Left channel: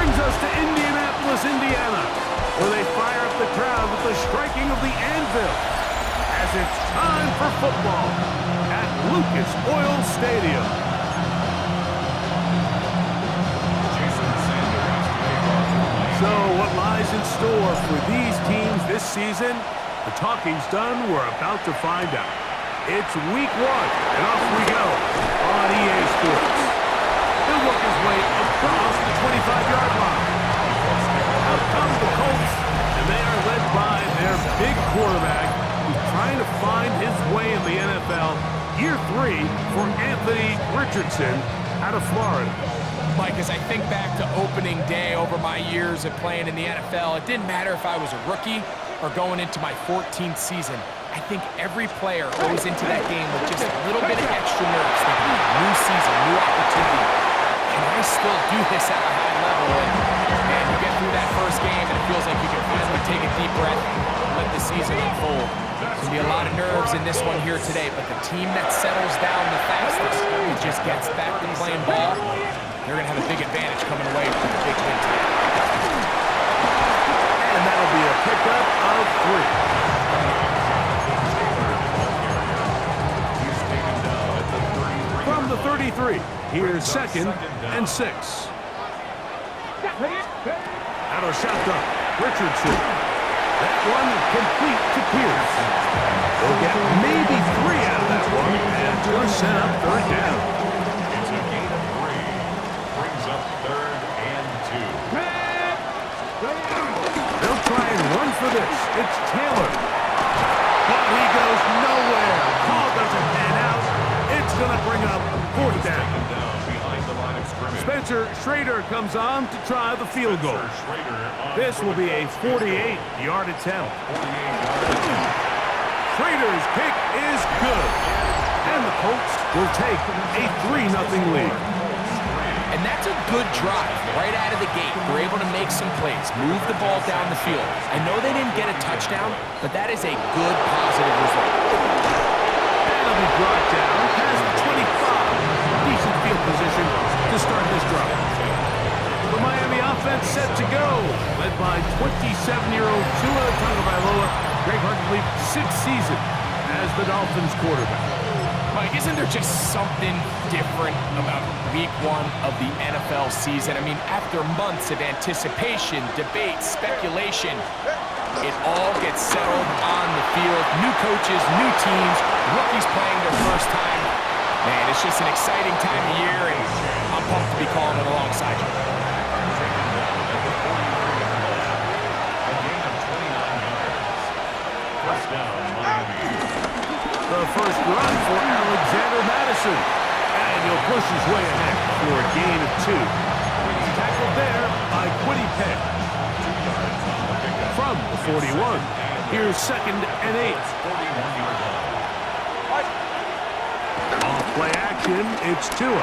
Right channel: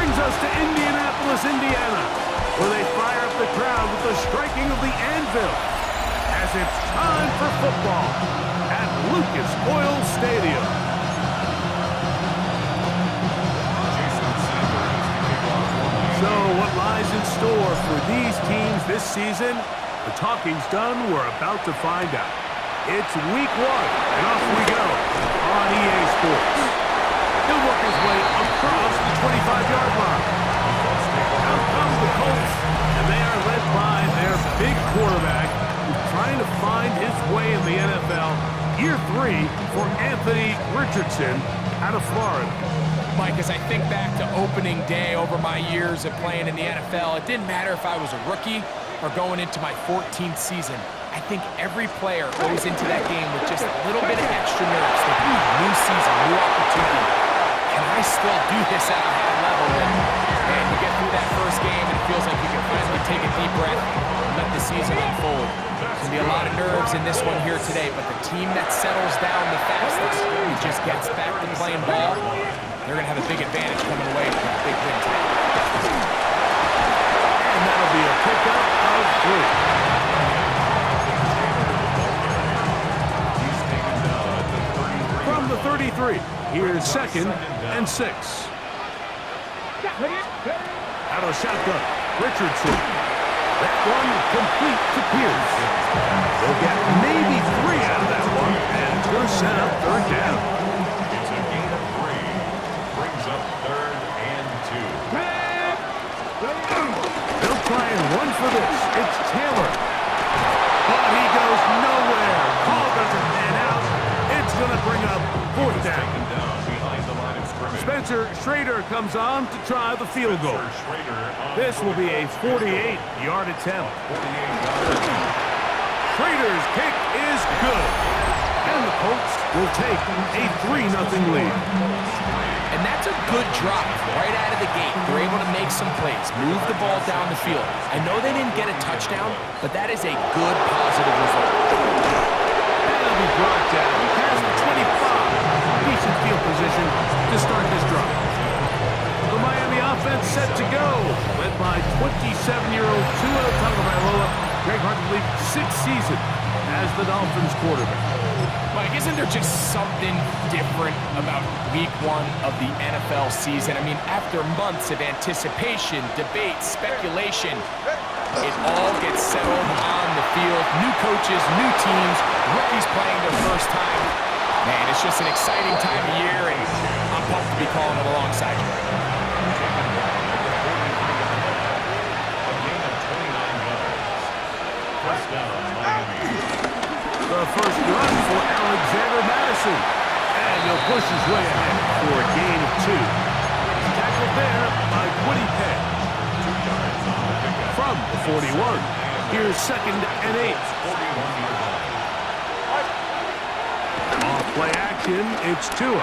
brings us to Indianapolis, Indiana, where they fire up the crowd with the striking of the anvil as it's time for football at Lucas Oil Stadium. So what lies in store for these teams this season? The talking's done. We're about to find out. It's week 1, and off we go on EA Sports. He'll work his way across the 25-yard line. Out comes the Colts, and they are led by their big quarterback who's trying to find his way in the NFL. Year 3 for Anthony Richardson out of Florida. Mike, as I think back to opening day over my years of playing in the NFL, it didn't matter if I was a rookie or going into my 14th season. I think every player goes into that game with just a little bit of extra nerves, thinking, new season, new opportunity. Can I still do this at a high level? And man, you get through that first game and it feels like you can finally take a deep breath and let the season unfold. There's going to be a lot of nerves in this one here today, but the team that settles down the fastest and just gets back to playing ball, they're going to have a big advantage coming away with a big win today. And that'll be a pickup of 3. From the 33, here's 2nd and 6. Out of shotgun, Richardson. That one complete to Pierce. They'll get maybe 3 out of that one, and it's going to set up 3rd down. It's a gain of 3. Brings up 3rd and 2. They'll try and run for this. It's Taylor. But he goes nowhere. Call doesn't pan out. It's going to bring up 4th down. Taken down behind the line of scrimmage. Spencer Schrader comes on to try the field goal. This will be a 48-yard attempt. Schrader's kick is good. And the Colts will take a 3-0 lead. And that's a good drive right out of the gate. They're able to make some plays, move the ball down the field. I know they didn't get a touchdown, but that is a good, positive result. That'll be brought down past the 25. Decent field position to start this drive. The Miami offense set to go, led by 27-year-old Tua Tagovailoa. Greg hard to believe 6th season as the Dolphins quarterback. Mike, isn't there just something different about week 1 of the NFL season? I mean, after months of anticipation, debate, speculation, it all gets settled on the field. New coaches, new teams, rookies playing their first time. Man, it's just an exciting time of year, and I'm pumped to be calling it alongside you. Taken down at the 43-yard line. A gain of 29 yards. First down, Miami. The first run for Alexander Madison. And he'll push his way ahead for a gain of 2. He's tackled there by Quiddy Peck. 2 yards on the pickup. From the 41, here's 2nd and 8. 41-yard line. Off play action, it's Tua. And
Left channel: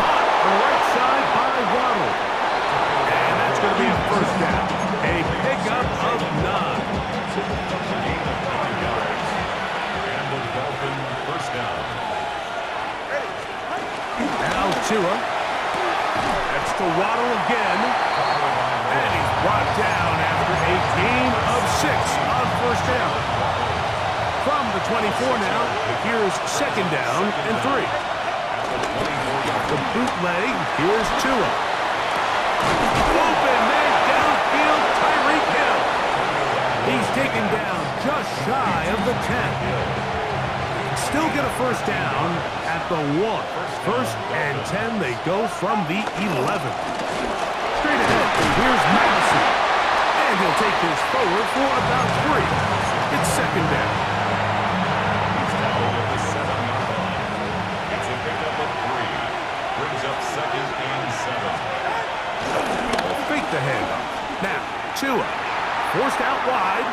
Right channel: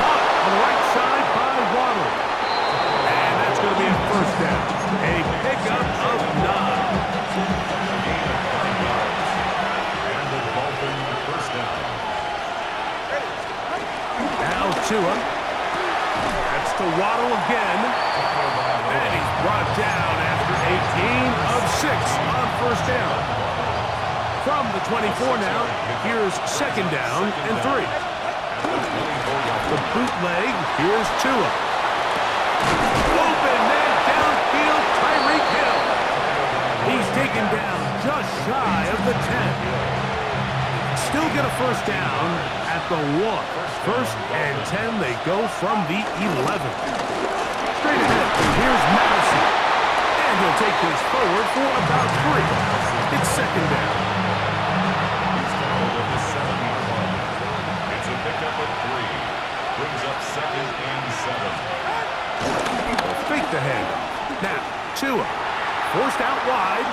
caught on the right side by Waddle. And that's going to be a first down. A pickup of 9. A gain of 9 yards. And the Dolphin first down. Now Tua. That's to Waddle again. And he's brought down after a gain of 6 on first down. From the 24 now, here's 2nd down and 3. Off the bootleg, here's Tua. Open man downfield, Tyreek Hill. He's taken down just shy of the 10. Still get a first down at the 1. 1st and 10, they go from the 11. Straight ahead, here's Madison. And he'll take this forward for about 3. It's 2nd down. At the 7-yard line. It's a pickup of 3. Brings up 2nd and 7. They'll fake the handoff. Now, Tua, forced out wide.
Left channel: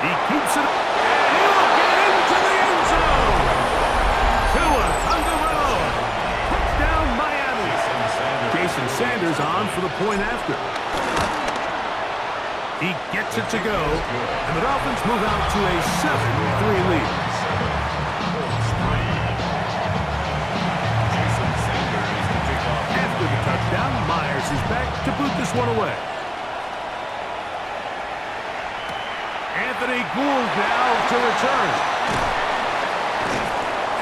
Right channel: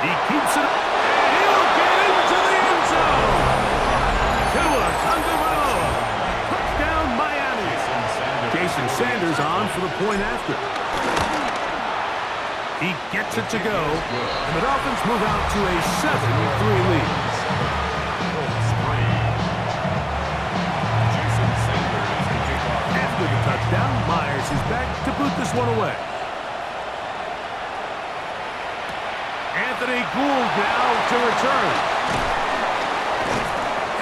He keeps it, and he will get into the end zone. Tua Tagovailoa, touchdown Miami. Jason Sanders on for the point after. He gets it to go, and the Dolphins move out to a 7-3 lead. After the touchdown, down. Myers is back to boot this one away. Anthony Gould now to return.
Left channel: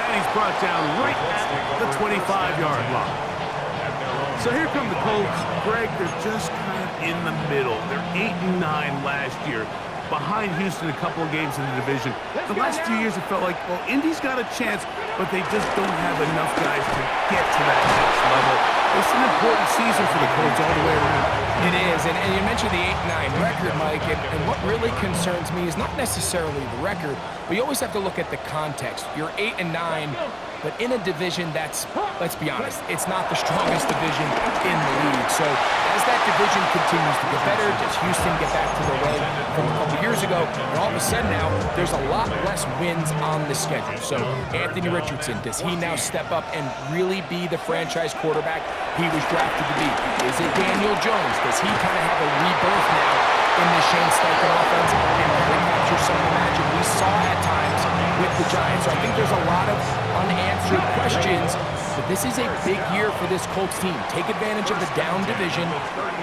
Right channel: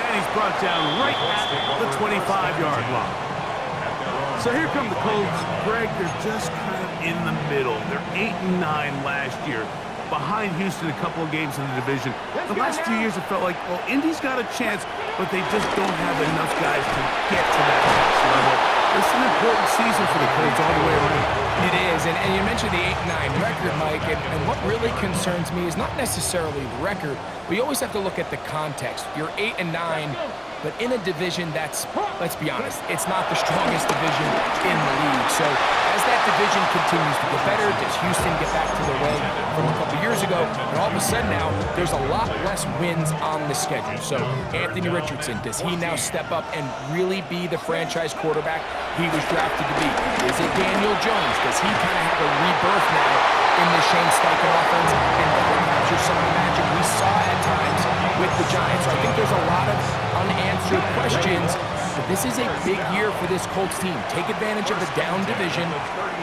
And he's brought down right at the 25-yard line. So here come the Colts. Greg, they're just kind of in the middle. They're 8-9 last year, behind Houston a couple of games in the division. The last few years, it felt like, well, Indy's got a chance, but they just don't have enough guys to get to that next level. It's an important season for the Colts all the way around. It is, and you mentioned the 8-9 record, Mike, and what really concerns me is not necessarily the record, but you always have to look at the context. You're 8-9, but in a division that's, let's be honest, it's not the strongest division in the league. So as that division continues to get better, does Houston get back to their way from a couple years ago? And all of a sudden now, there's a lot less wins on the schedule. So Anthony Richardson, does he now step up and really be the franchise quarterback he was drafted to be? Is it Daniel Jones? Does he kind of have a rebirth now in the Shane Steichen offense and kind of capture some of the magic we saw at times with the Giants? So I think there's a lot of unanswered questions, but this is a big year for this Colts team. Take advantage of the down division,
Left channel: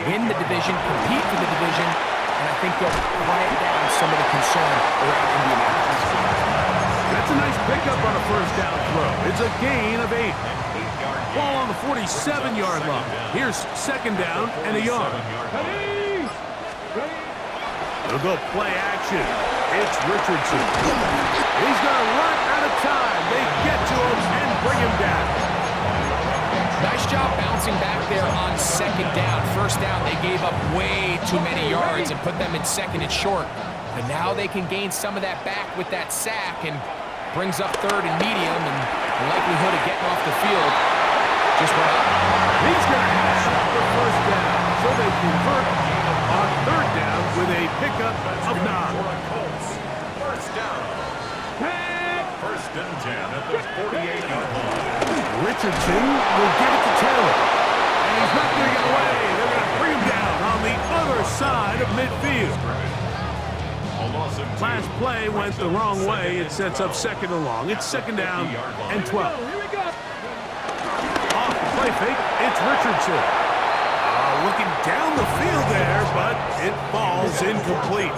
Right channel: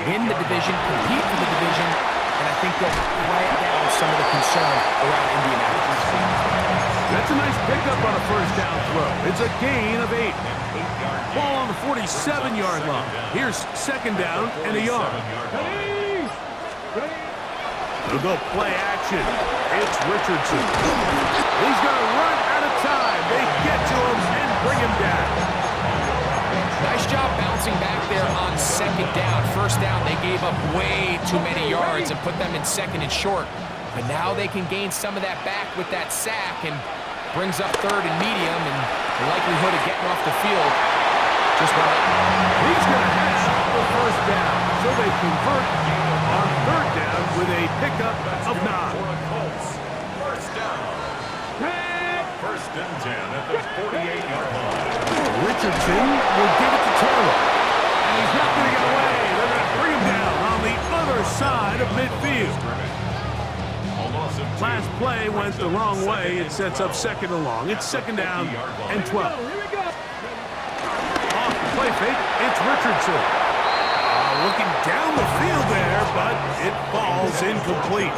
win the division, compete for the division, and I think they'll quiet down some of the concern around Indianapolis. That's a nice pickup on a first down throw. It's a gain of 8. Ball on the 47-yard line. Here's second down and a yard. They'll go play action. It's Richardson. He's going to run out of time. They get to him and bring him down. Nice job bouncing back there on second down. First down, they gave up way too many yards and put them in second and short. But now they can gain some of that back with that sack and brings up third and medium, and the likelihood of getting off the field just went up. He's going to have the first down. So they convert on third down with a pickup of 9. First down. First and 10 at the 48-yard line. Richardson will give it to Taylor. And he's not going to get away. They're going to bring him down on the other side of midfield. Last play went the wrong way. It sets up second and long. It's second down and 12. Off the play fake, it's Richardson. Looking down the field there, but it falls incomplete.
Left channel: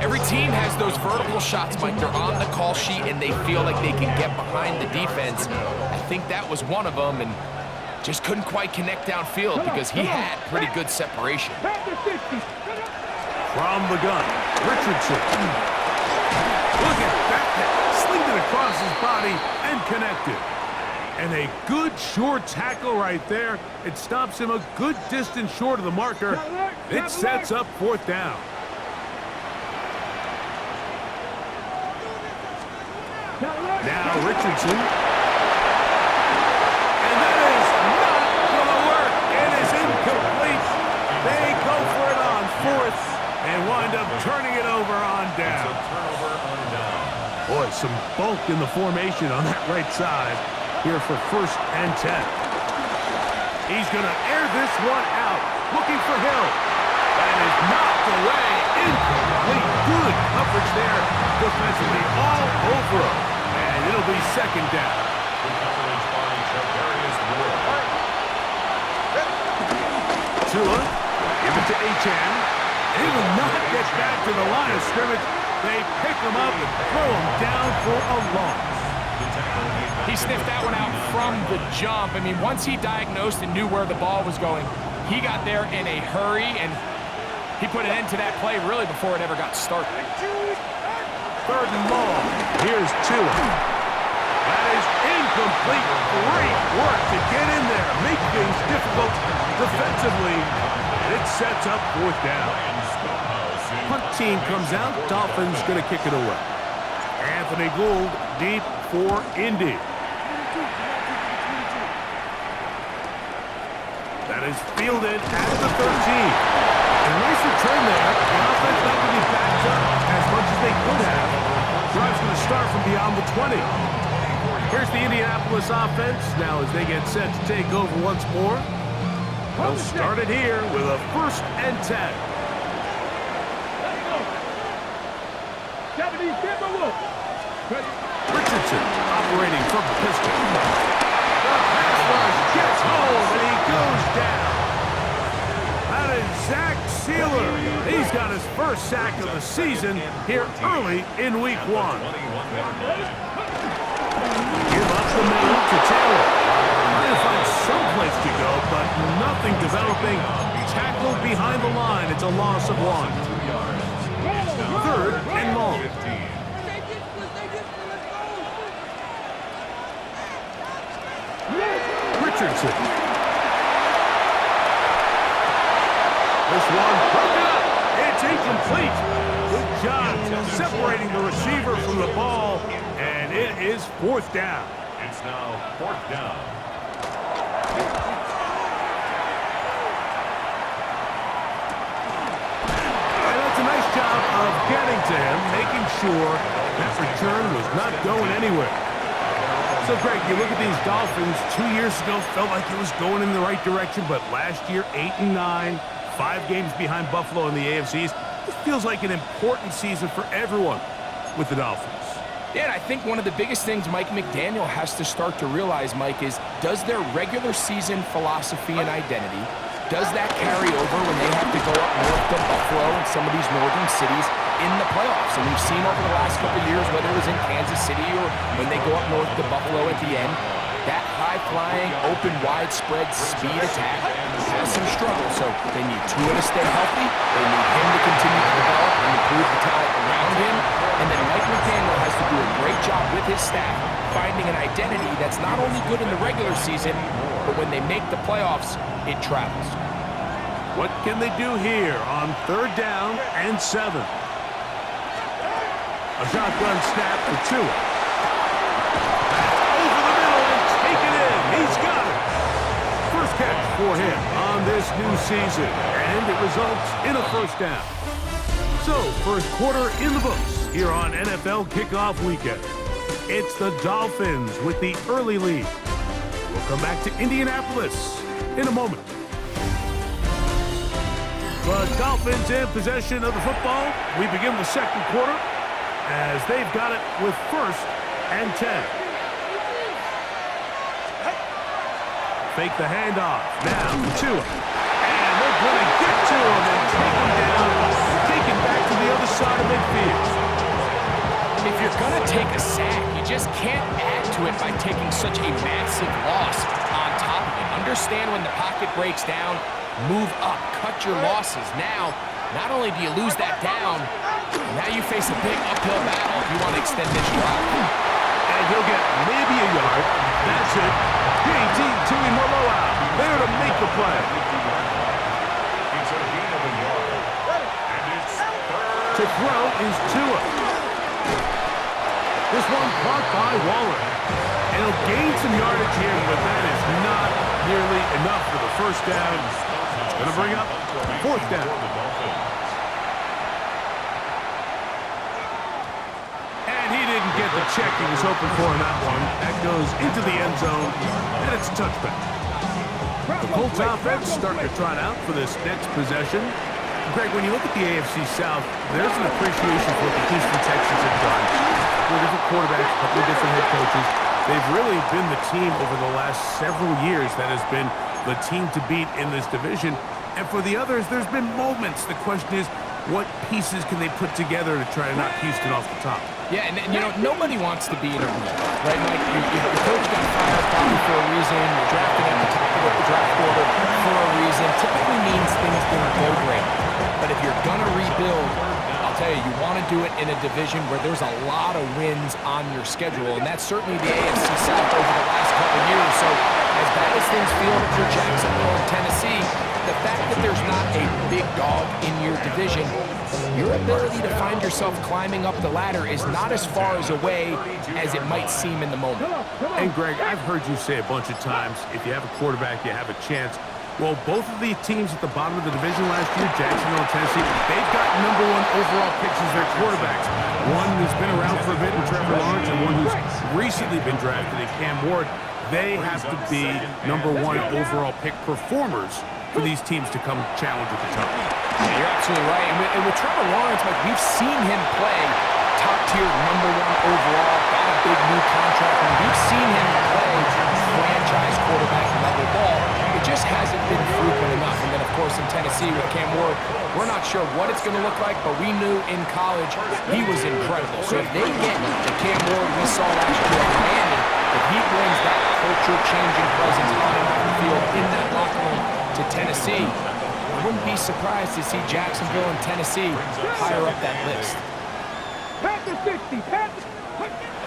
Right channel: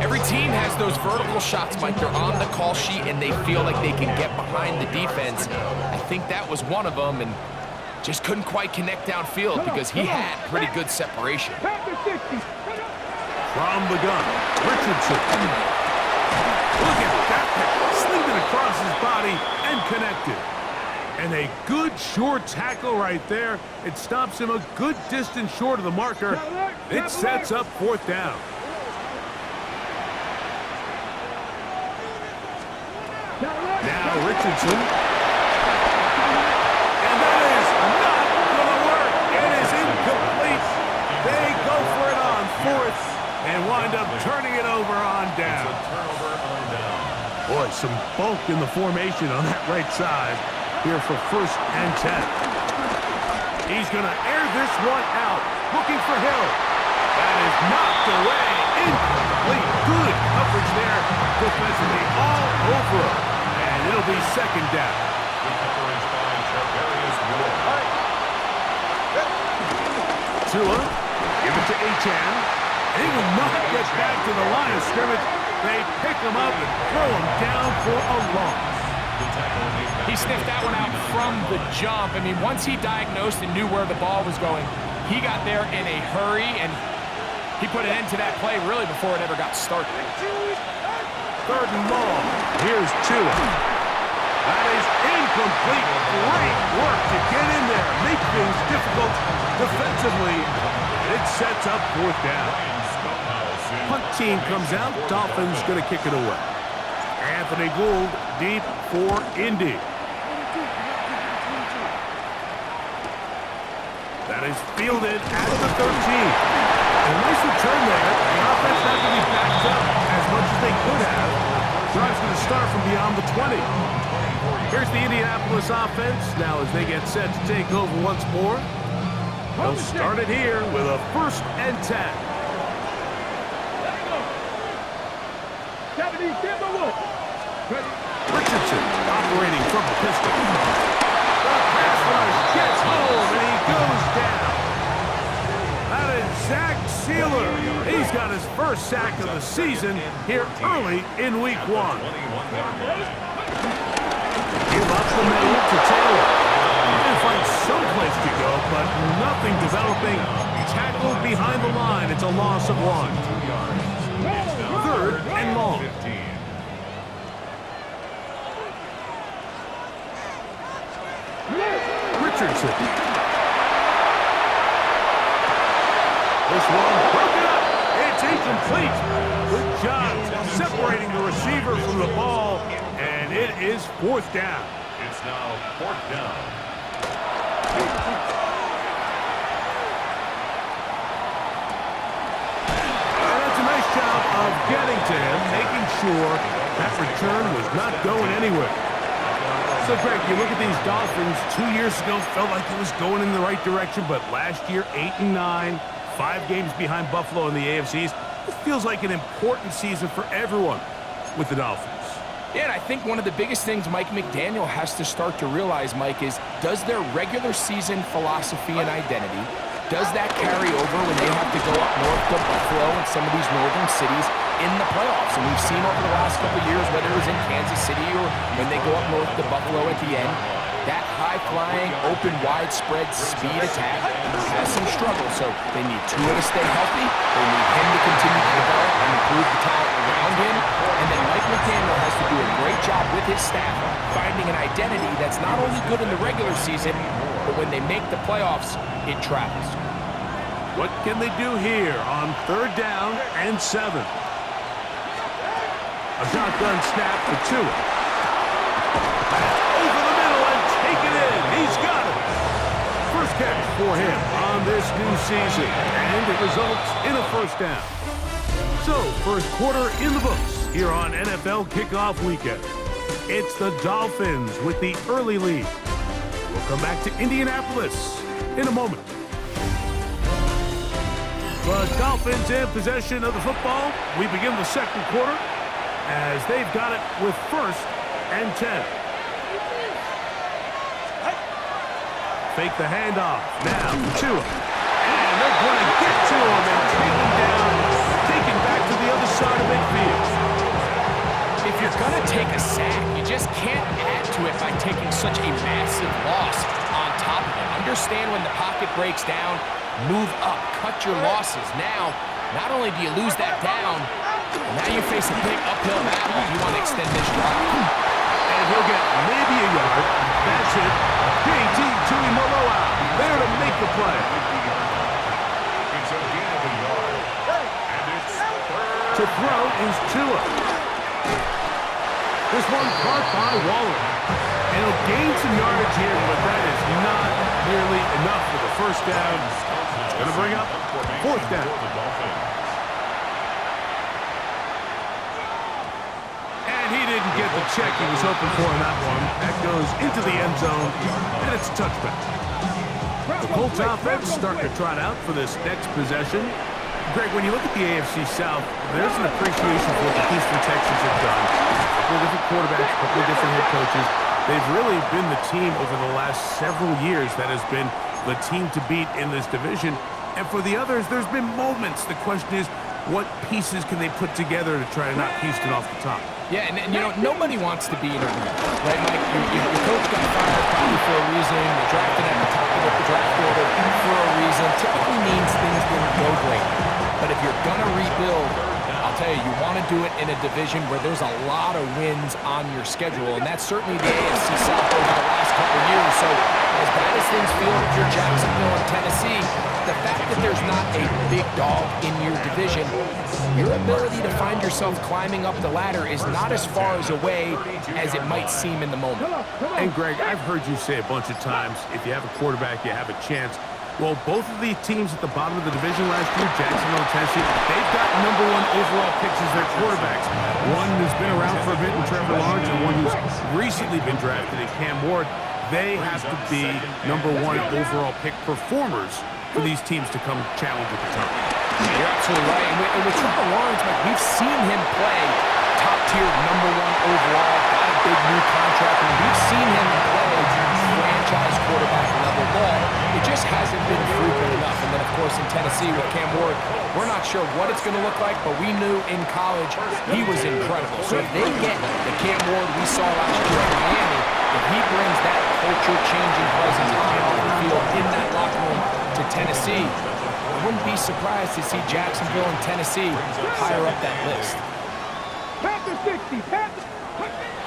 Every team has those vertical shots, Mike. They're on the call sheet, and they feel like they can get behind the defense. I think that was one of them, and just couldn't quite connect downfield because he had pretty good separation. From the gun, Richardson. Look at that. Slinged it across his body and connected. And a good short tackle right there. It stops him a good distance short of the marker. It sets up fourth down. Now Richardson. And that is not going to work. It is incomplete. They go for it on fourth and wind up turning it over on down. Boy, some bulk in the formation on that right side. Here for first and 10. He's going to air this one out, looking for Hill. That is knocked away, incomplete. Good coverage there, defensively all over him. And it'll be second down. Good coverage by Charvarius Ward. Tua, give it to Achan. He will not get back to the line of scrimmage. They pick him up and throw him down for a loss. He sniffed that one out from the jump. I mean, once he diagnosed and knew where the ball was going, he got there in a hurry, and he put an end to that play really before it ever got started. Third and long. Here's Tua. That is incomplete. Great work to get in there, make things difficult defensively, and it sets up fourth down. Punt team comes out. Dolphins going to kick it away. Anthony Gould deep for Indy. That is fielded at the 13. And a nice return there. The offense not going to be backed up as much as they could have. Drive's going to start from beyond the 20. Here's the Indianapolis offense. Now as they get set to take over once more, they'll start it here with a first and 10. Richardson operating from the pistol. The pass rush gets home and he goes down. sack sealer. He's got his first sack of the season here early in week 1. Give up the middle to Taylor. Trying to find some place to go, but nothing developing. Tackled behind the line. It's a loss of 1. 3rd and long. Richardson. This one broken up. It's incomplete. Good job separating the receiver from the ball, and it is 4th down. It's now 4th down. And that's a nice job of getting to him, making sure that return was not going anywhere. So, Greg, you look at these Dolphins, 2 years ago felt like it was going in the right direction, but last year, 8-9, 5 games behind Buffalo in the AFC East. It feels like an important season for everyone with the Dolphins. Yeah, and I think one of the biggest things Mike McDaniel has to start to realize, Mike, is does their regular season philosophy and identity, does that carry over when they have to go up north to Buffalo and some of these northern cities in the playoffs? And we've seen over the last couple of years, whether it was in Kansas City or when they go up north to Buffalo at the end, that high-flying, open, widespread speed attack has some struggles. So they need Tua to stay healthy. They need him to continue to develop and improve the talent around him. And then Mike McDaniel has to do a great job with his staff finding an identity that's not only good in the regular season, but when they make the playoffs, it travels. What can they do here on 3rd down and 7? A shotgun snap for Tua. That's over the middle and take it in. He's got it. First catch for him on this new season, and it results in a 1st down. So, first quarter in the books here on NFL Kickoff Weekend. It's the Dolphins with the early lead. We'll come back to Indianapolis in a moment. The Dolphins in possession of the football. We begin the second quarter as they've got it with 1st and 10. Fake the handoff. Now to him. And they're going to get to him and take him down, take him back to the other side of midfield. If you're going to take a sack, you just can't add to it by taking such a massive loss on top of it. Understand when the pocket breaks down, move up, cut your losses. Now, not only do you lose that down, now you face a big uphill battle if you want to extend this drive. And he'll get maybe a yard. That's it. J.T. Tuimoloau there to make the play. It's a gain of a yard. And it's 3rd. To throw is Tua. This one caught by Waller. And he'll gain some yardage here, but that is not nearly enough for the 1st down. It's going to bring up 4th down. And he didn't get the check he was hoping for in that one. That goes into the end zone, and it's a touchback. The Colts offense starting to trot out for this next possession. Greg, when you look at the AFC South, there's an appreciation for what the Houston Texans have done. A couple of different quarterbacks, a couple of different head coaches. They've really been the team over the last several years that has been the team to beat in this division. And for the others, there's been moments. The question is, what pieces can they put together to try to knock Houston off the top? Yeah, and you know, nobody wants to be in a room, right, Mike? Your coach got fired probably for a reason. You're drafted at the top of the draft order for a reason. Typically means things didn't go great. But if you're going to rebuild, I'll tell you, you want to do it in a division where there's a lot of wins on your schedule, and that's certainly the AFC South over the last couple of years. So as bad as things feel if you're Jacksonville and Tennessee, the fact that there's not a big dog in your division, your ability to find yourself climbing up the ladder is not as far as away as it might seem in the moment. And Greg, I've heard you say a bunch of times, if you have a quarterback, you have a chance. Well, both of the teams at the bottom of the division last year, Jacksonville and Tennessee, they've got #1 overall picks as their quarterbacks. One who's been around for a bit in Trevor Lawrence and one who's recently been drafted in Cam Ward. They have to be #1 overall pick performers for these teams to come challenge at the top. Yeah, you're absolutely right. And with Trevor Lawrence, Mike, we've seen him play top-tier #1 overall, got a big new contract, and we've seen him play franchise quarterback level ball. It just hasn't been frequent enough. And then, of course, playoffs in Tennessee with Cam Ward. We're not sure what it's going to look like, but we knew in college he was incredible. So if they get the Cam Ward we saw last year at Miami, if he brings that culture-changing presence on and off the field in that locker room to Tennessee, I wouldn't be surprised to see Jacksonville and Tennessee higher up that list.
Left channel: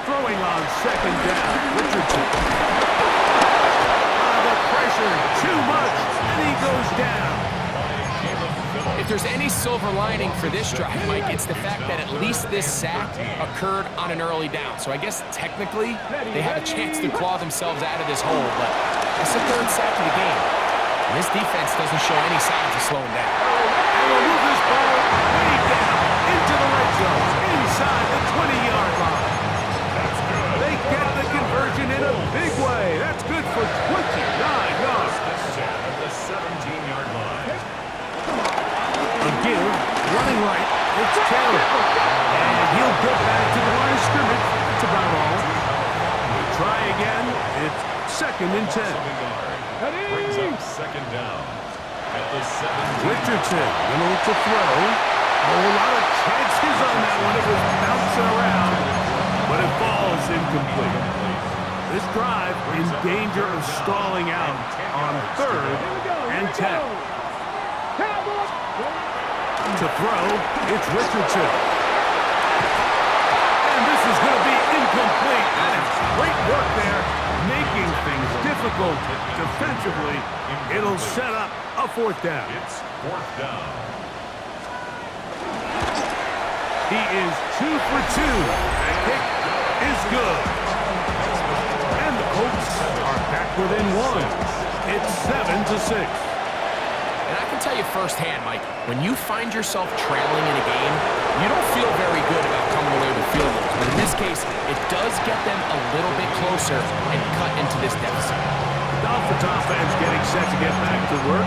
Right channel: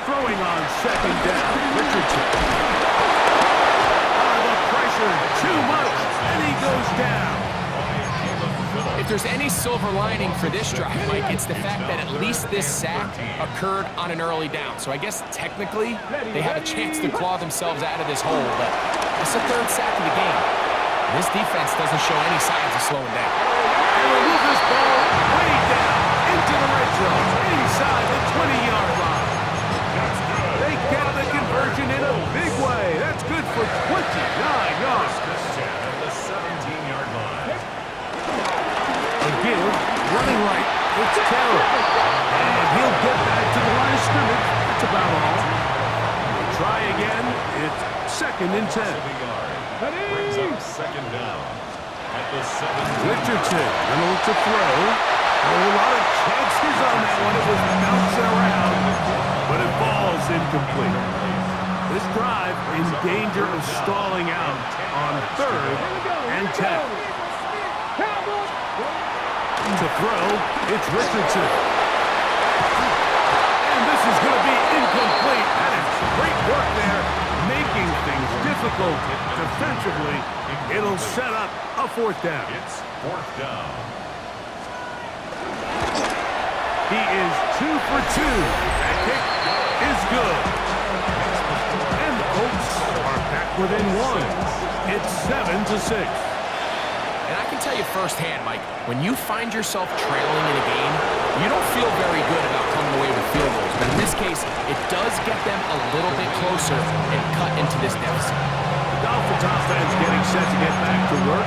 Throwing on second down, Richardson. The pressure, too much, and he goes down. If there's any silver lining for this drive, Mike, it's the fact that at least this sack occurred on an early down. So I guess technically they have a chance to claw themselves out of this hole, but that's the third sack of the game. And this defense doesn't show any signs of slowing down. And we'll move this ball way down into the red zone, inside the 20-yard line. That's good. They get the conversion in a big way. That's good for 29 yards. This 10 at the 17-yard line. A give, running right, it's Taylor. And he'll get back to the line of scrimmage. That's about all. We'll try again. It's second and 10. Brings up second down at the 17. Richardson gonna look to throw. Oh, a lot of chances on that one. It was bouncing around, but it falls incomplete. This drive in danger of stalling out on third and 10. To throw, it's Richardson. And this is going to be incomplete. That is great work there, making things difficult defensively. It'll set up a fourth down. It's fourth down. He is 2 for 2. That kick is good. And the Colts are back within one. It's 7-6. And I can tell you firsthand, Mike, when you find yourself trailing in a game, you don't feel very good about coming away with field goals. But in this case, it does get them a little bit closer and cut into this deficit. The Dolphins offense getting set to get back to work.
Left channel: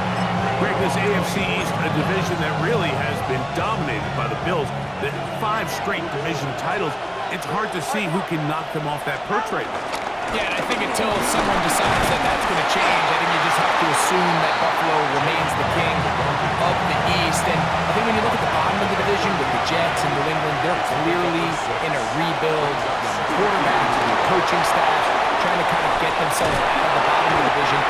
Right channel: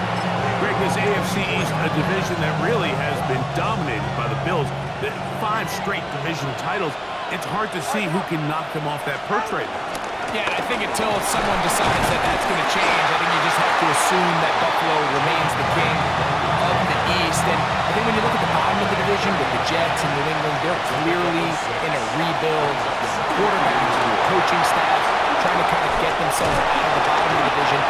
Greg, this AFC East, a division that really has been dominated by the Bills. The 5 straight division titles. It's hard to see who can knock them off that perch right now. Yeah, and I think until someone decides that that's going to change, I think you just have to assume that Buffalo remains the king of the East. And I think when you look at the bottom of the division with the Jets and New England, they're clearly in a rebuild. Young quarterbacks, new coaching staff, trying to kind of get themselves out of the bottom of the division.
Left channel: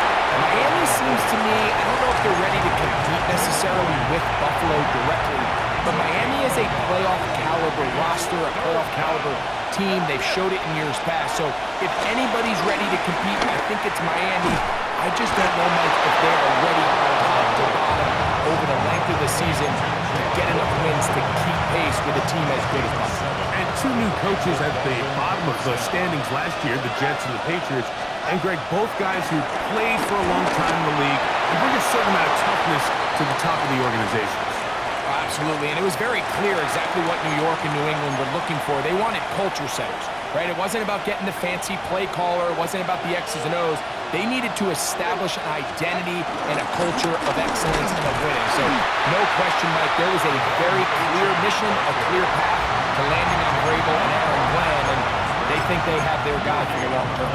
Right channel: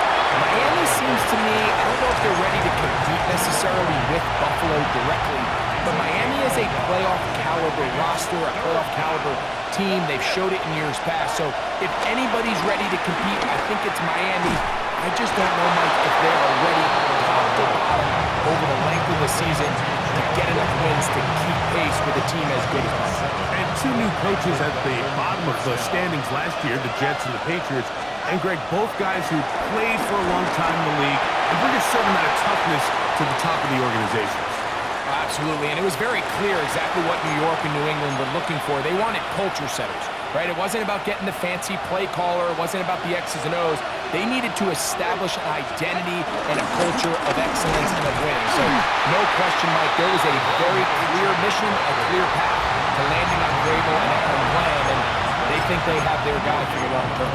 Miami seems to me, I don't know if they're ready to compete necessarily with Buffalo directly, but Miami is a playoff caliber roster, a playoff caliber team. They've showed it in years past. So if anybody's ready to compete, I think it's Miami. I just don't know, Mike, if they are ready top to bottom over the length of the season to get enough wins to keep pace with a team as good as Buffalo. And 2 new coaches at the bottom of the standings last year, the Jets and the Patriots. And Greg, both guys who played for a long time in the league and bring a certain amount of toughness to the top of the organizations. Absolutely, and it was very clear exactly what New York and New England were looking for. They wanted culture setters, right? It wasn't about getting the fancy play caller. It wasn't about the X's and O's. They needed to establish an identity and a culture of excellence and of winning. So no question, Mike, there was a very clear mission, a clear path to landing on Vrabel and Aaron Glenn, and they think they have their guy for the long term.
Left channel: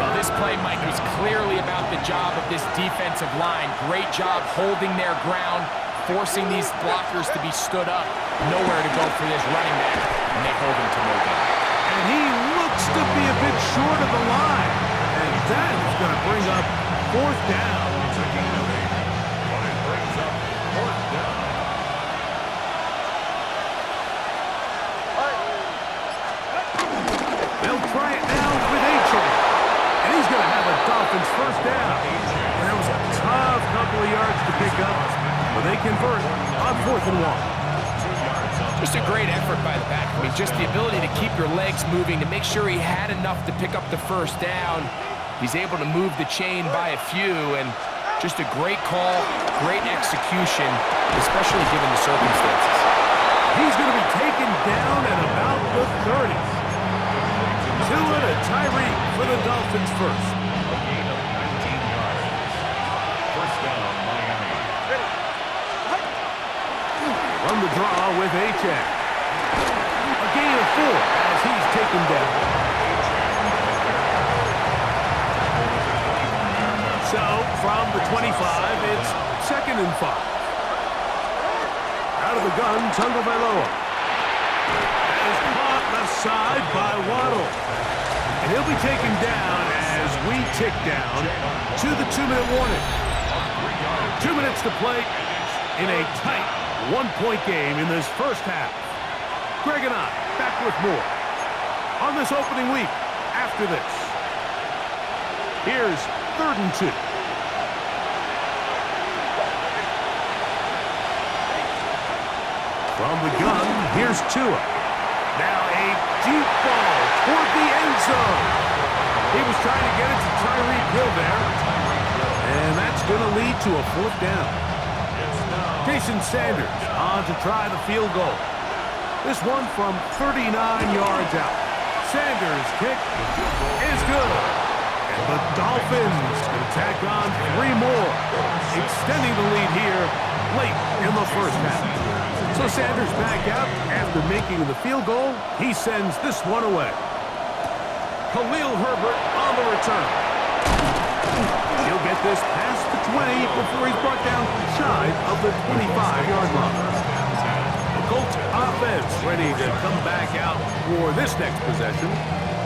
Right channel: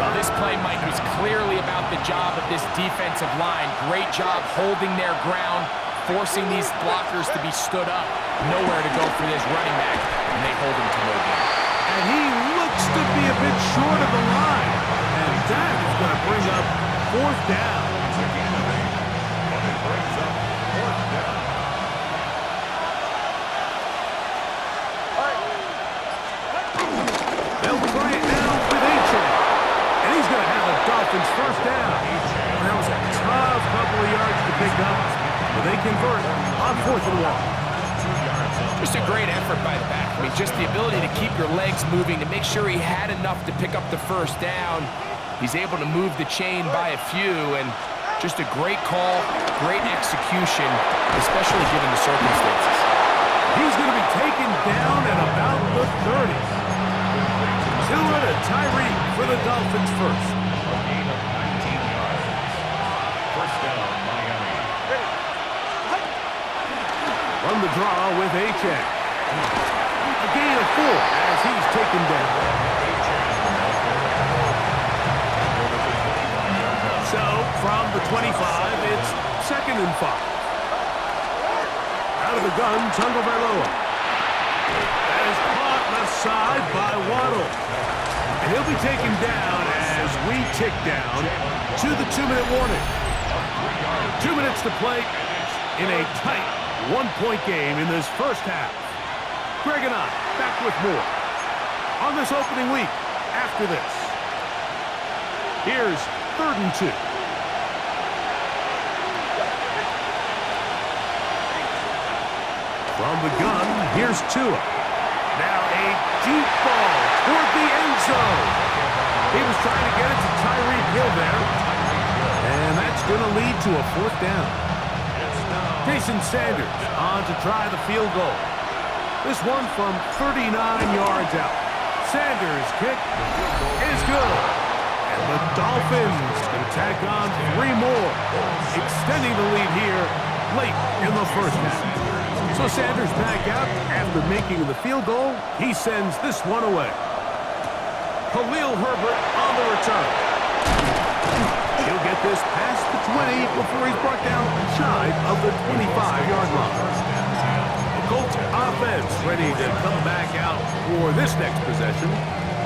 Well, this play, Mike, was clearly about the job of this defensive line. Great job holding their ground, forcing these blockers to be stood up. Nowhere to go for this running back, and they hold him to no gain. And he looks to be a bit short of the line. And that is going to bring up fourth down. It's a gain of 8, but it brings up fourth down. They'll try it now with A-Chain. And he's going to have a Dolphins first down. Well, that was a tough couple of yards to pick up, but they convert on 4th and 1. Just a great effort by the back. I mean, just the ability to keep your legs moving, to make sure he had enough to pick up the first down. He's able to move the chain by a few, and just a great call, great execution, especially given the circumstances. He's going to be taken down at about the 30. Tua to Tyreek for the Dolphins first. A gain of 19 yards. First down, Miami. Run the draw with Achane. A gain of 4 as he's taken down. So, from the 25, it's 2nd and 5. Out of the gun, Tagovailoa. That is caught left side by Waddle. And he'll be taken down as we tick down to the 2-minute warning. 2 minutes to play in a tight one-point game in this first half. Greg and I back with more on this opening week after this. Here's 3rd and 2. From the gun, here's Tua. Now a deep ball toward the end zone. He was trying to get it to Tyreek Hill there. And that's going to lead to a 4th down. Jason Sanders on to try the field goal. This one from 39 yards out. Sanders' kick is good. And the Dolphins going to tack on 3 more, extending the lead here late in the first half. So Sanders back out after making the field goal. He sends this one away. Khalil Herbert on the return. He'll get this past the 20 before he's brought down shy of the 25-yard line. The Colts offense ready to come back out for this next possession.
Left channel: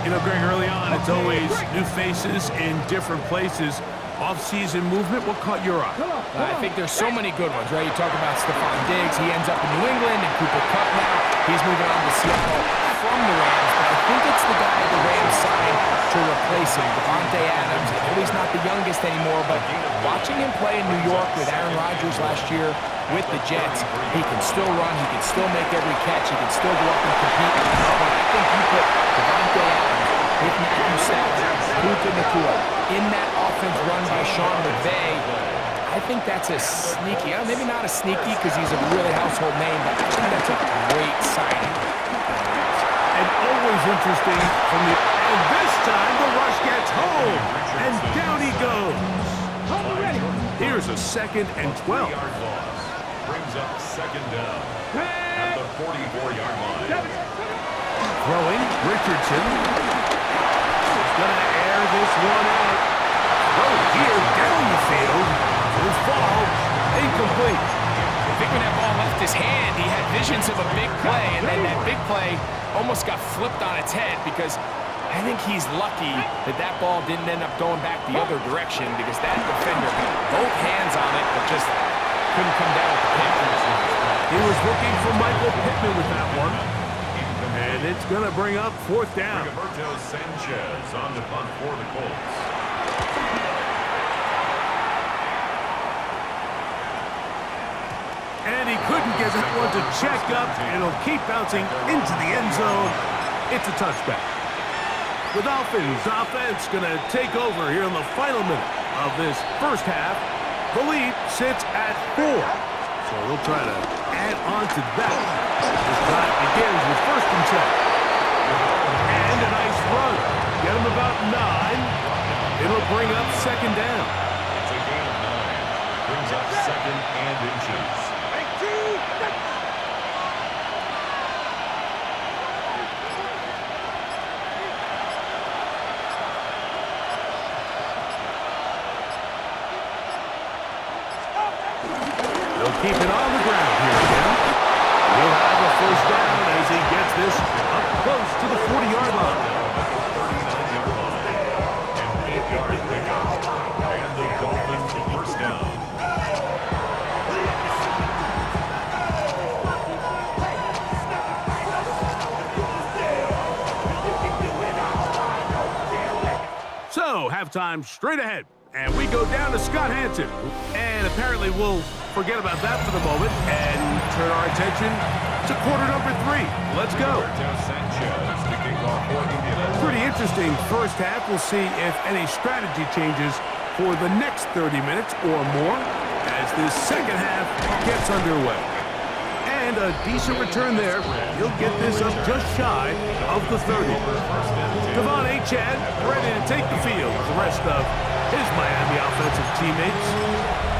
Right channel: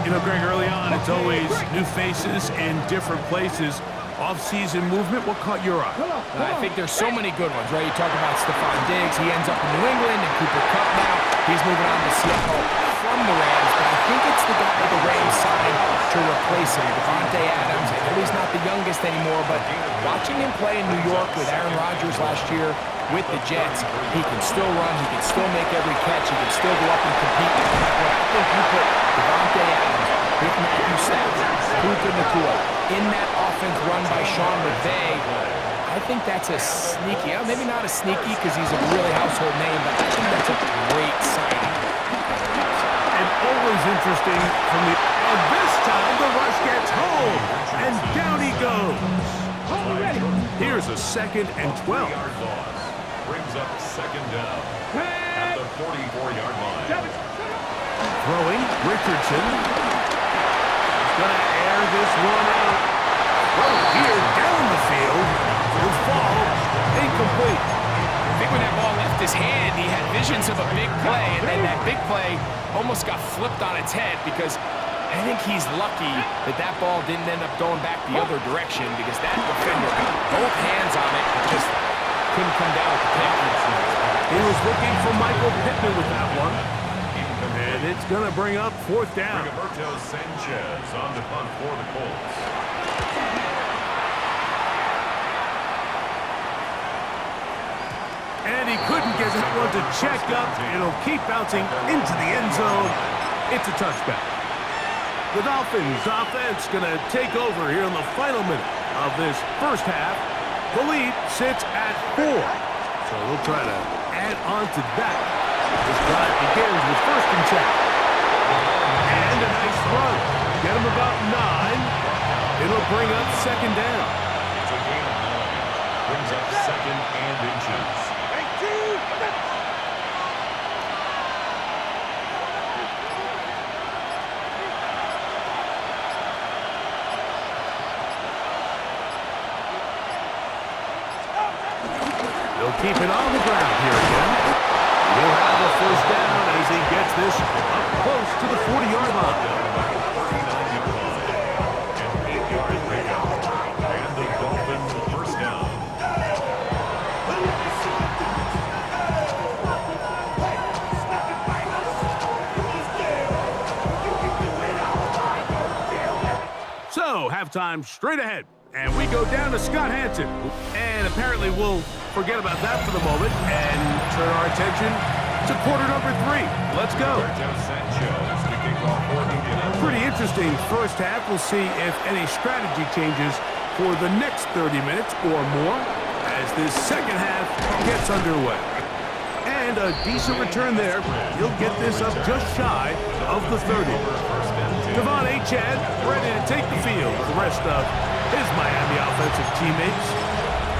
You know, Greg, early on, it's always new faces in different places. Off-season movement, what caught your eye? I think there's so many good ones, right? You talk about Stephon Diggs. He ends up in New England, and Cooper Kupp now. He's moving on to Seattle from the Rams, but I think it's the guy the Rams signed to replace him, Devontae Adams. I know he's not the youngest anymore, but watching him play in New York with Aaron Rodgers last year with the Jets, he can still run, he can still make every catch, he can still go up and compete. But I think you put Devontae Adams with Matthew Stafford, Puka Nacua, in that offense run by Sean McVay, I think that's a sneaky, maybe not a sneaky because he's a really household name, but I think that's a great signing. And always interesting from the... And this time the rush gets home, and down he goes. Here's a 2nd and 12. Brings up 2nd down at the 44-yard line. Throwing, Richardson. He's going to air this one out. Throw here down the field. Will fall incomplete. I think when that ball left his hand, he had visions of a big play, and then that big play almost got flipped on its head because I think he's lucky that that ball didn't end up going back the other direction because that defender got both hands on it but just couldn't come down with the pick. He was looking for Michael Pittman with that one. And it's going to bring up 4th down. Roberto Sanchez on the punt for the Colts. And he couldn't get that one to check up. It'll keep bouncing into the end zone. It's a touchback. The Dolphins offense going to take over here in the final minute of this first half. The lead sits at 4. So they'll try to add on to that. This drive begins with 1st and 10. And a nice run. Get him about 9. It'll bring up 2nd down. It's a gain of 9. Brings up 2nd and inches. They'll keep it on the ground here again. He'll have a 1st down as he gets this up close to the 40-yard line. 39-yard line. An 8-yard pickup. And the Dolphins 1st down. So, halftime straight ahead. And we go down to Scott Hanson. And apparently we'll forget about that for the moment and turn our attention to quarter number 3. Let's go. Roberto Sanchez to kick off for Indianapolis. Pretty interesting first half. We'll see if any strategy changes for the next 30 minutes or more as this second half gets underway. And a decent return there. He'll get this up just shy of the 30. Devon Achane ready to take the field with the rest of his Miami offensive teammates.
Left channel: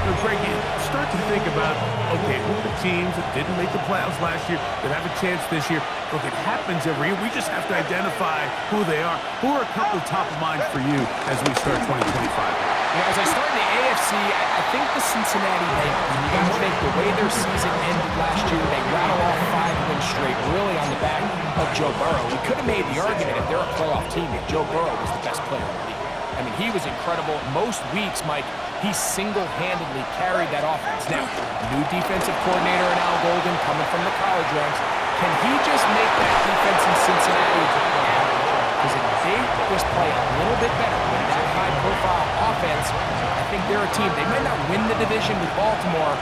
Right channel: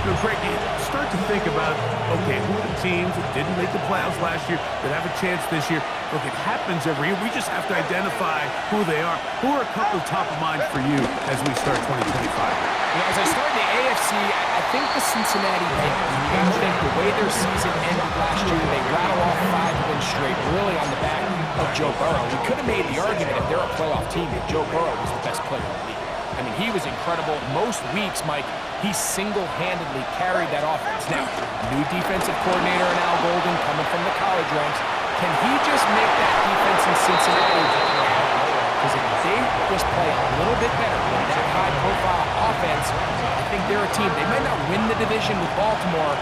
Greg, you start to think about, okay, who are the teams that didn't make the playoffs last year that have a chance this year? Look, it happens every year. We just have to identify who they are. Who are a couple top of mind for you as we start 2025? As I start in the AFC, I think the Cincinnati Bengals. You got to think the way their season ended last year, they rattle off 5 wins straight, really on the back of Joe Burrow. We could have made the argument if they're a playoff team that Joe Burrow was the best player in the league. I mean, he was incredible. Most weeks, Mike, he single-handedly carried that offense. Now, new defensive coordinator in Al Golden coming from the college ranks. Can he just make that defense in Cincinnati average? Because if they just play a little bit better with that high-profile offense, I think they're a team. They might not win the division with Baltimore,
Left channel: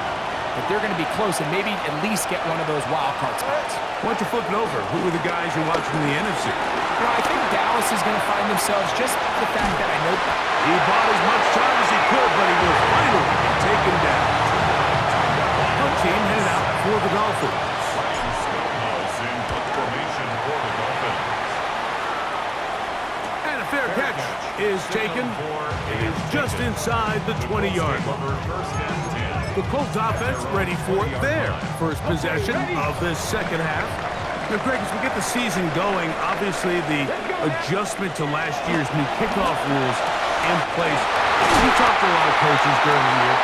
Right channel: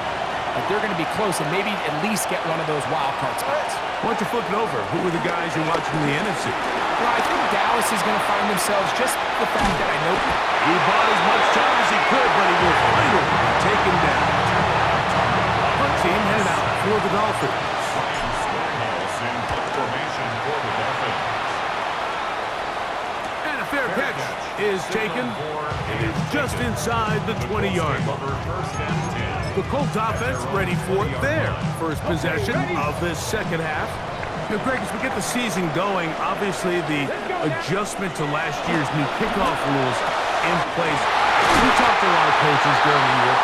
but they're going to be close and maybe at least get one of those wild card spots. Why don't you flip it over? Who are the guys you're watching in the NFC? I think Dallas is going to find themselves just the fact that I know he bought as much time as he could, but he will finally be taken down. Punt team headed out for the Dolphins. Ryan Schoenhaus in punt formation for the Dolphins. And a fair catch is taken. It is just inside the 20-yard line. The Colts offense ready for their first possession of this second half. Now, Greg, as we get the season going, obviously the adjustment to last year's new kickoff rules in place. We talked to a lot of coaches during the year.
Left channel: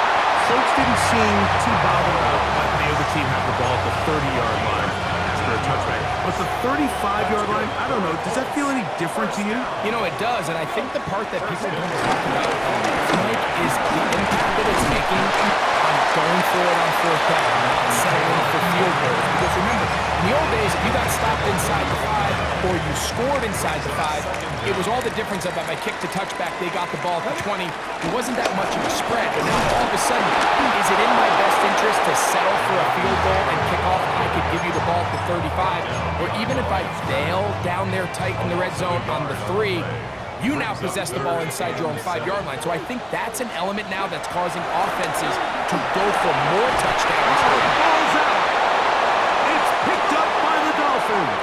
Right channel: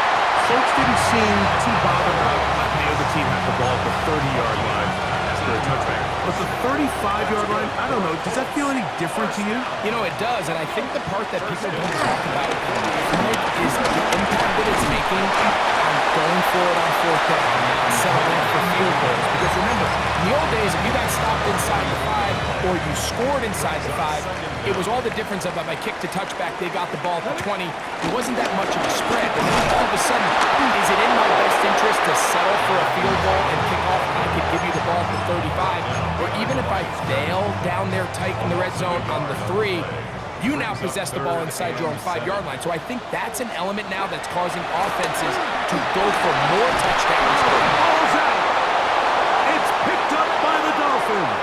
Folks didn't seem too bothered about letting the other team have the ball at the 30-yard line after a touchback. But the 35-yard line, I don't know, does that feel any different to you? You know, it does, and I think the part that people don't talk about, Mike, is the impact that it's making on going for it on fourth down, not settling for field goals. Because remember, in the old days, if you got stopped inside the 5 or you scored inside the 5, it was all the difference of if I kicked a touchback, they got the ball at the 20. It wasn't that much of a spread, but now all of a sudden, is it in my best interest to settle for a field goal and kick off and I could give you the ball at the 35? Or even if I fail down there tight in the red zone on the 3, you now possess the ball inside your own 5-yard line. So I think that's an element now that's causing offenses to go for more touchdowns. Oh, the ball's out. It's picked up by the Dolphins.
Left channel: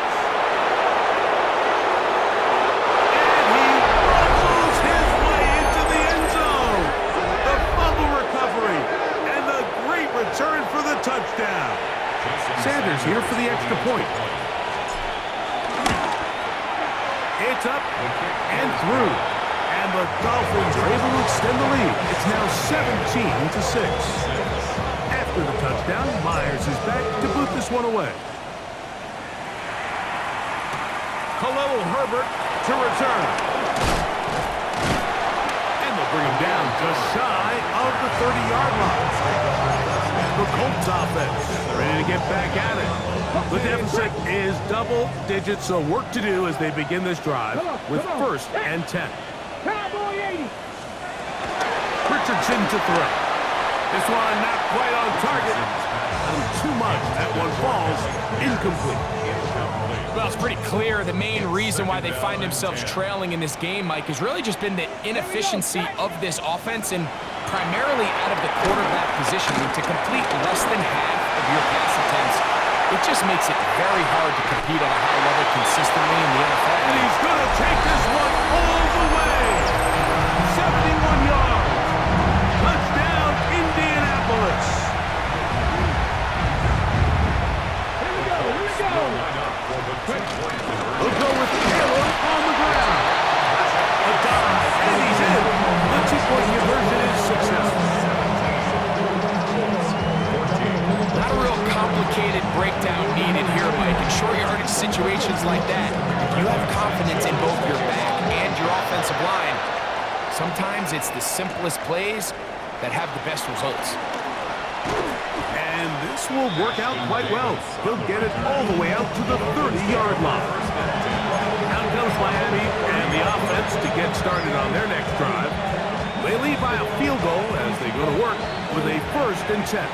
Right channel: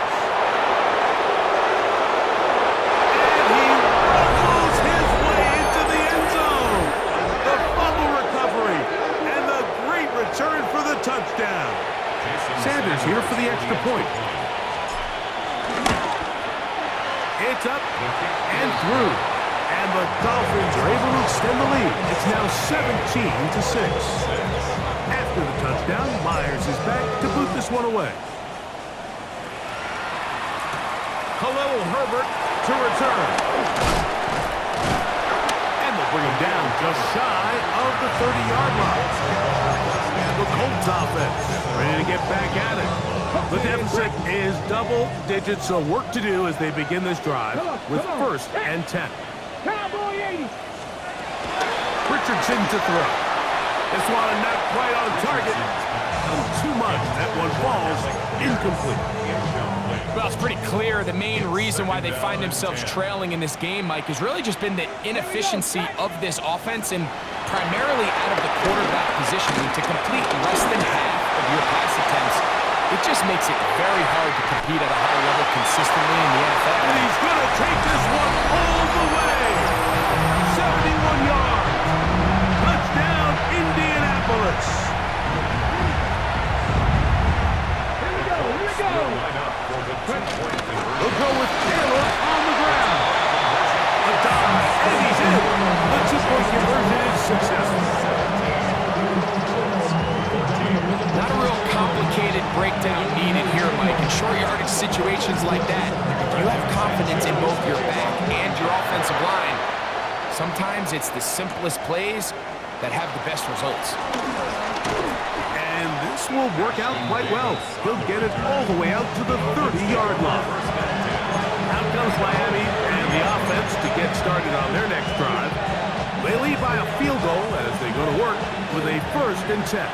And he rumbles his way into the end zone. The fumble recovery and the great return for the touchdown. Sanders here for the extra point. It's up and through. And the Dolphins are able to extend the lead. It's now 17-6. After the touchdown, Myers is back to boot this one away. Khalil Herbert to return. And they'll bring him down just shy of the 30-yard line. The Colts offense ready to get back at it. The deficit is double digits, so work to do as they begin this drive with 1st and 10. Cowboy 80. Richardson to throw. This one not quite on target. Too much. That one falls incomplete. Well, it's pretty clear the main reason why they find themselves trailing in this game, Mike, has really just been the inefficiency of this offense and primarily out of the quarterback position. I mean, to complete less than half of your pass attempts, it just makes it very hard to compete at a high level consistently in the NFL. And he's going to take this one all the way. 71 yards. Touchdown, Indianapolis. Here we go. We'll go with Taylor on the ground. A dive, and he's in. The 2-point conversion is successful. Not a real complicated breakdown needed here, Mike. In short yardage situations like that, if you have confidence in both your back and your offensive line, sometimes it's the simplest plays that have the best results. And this will work out quite well. He'll get it all the way out to the 30-yard line. Out comes Miami and the offense to get started on their next drive. They lead by a field goal as they go to work with a 1st and 10.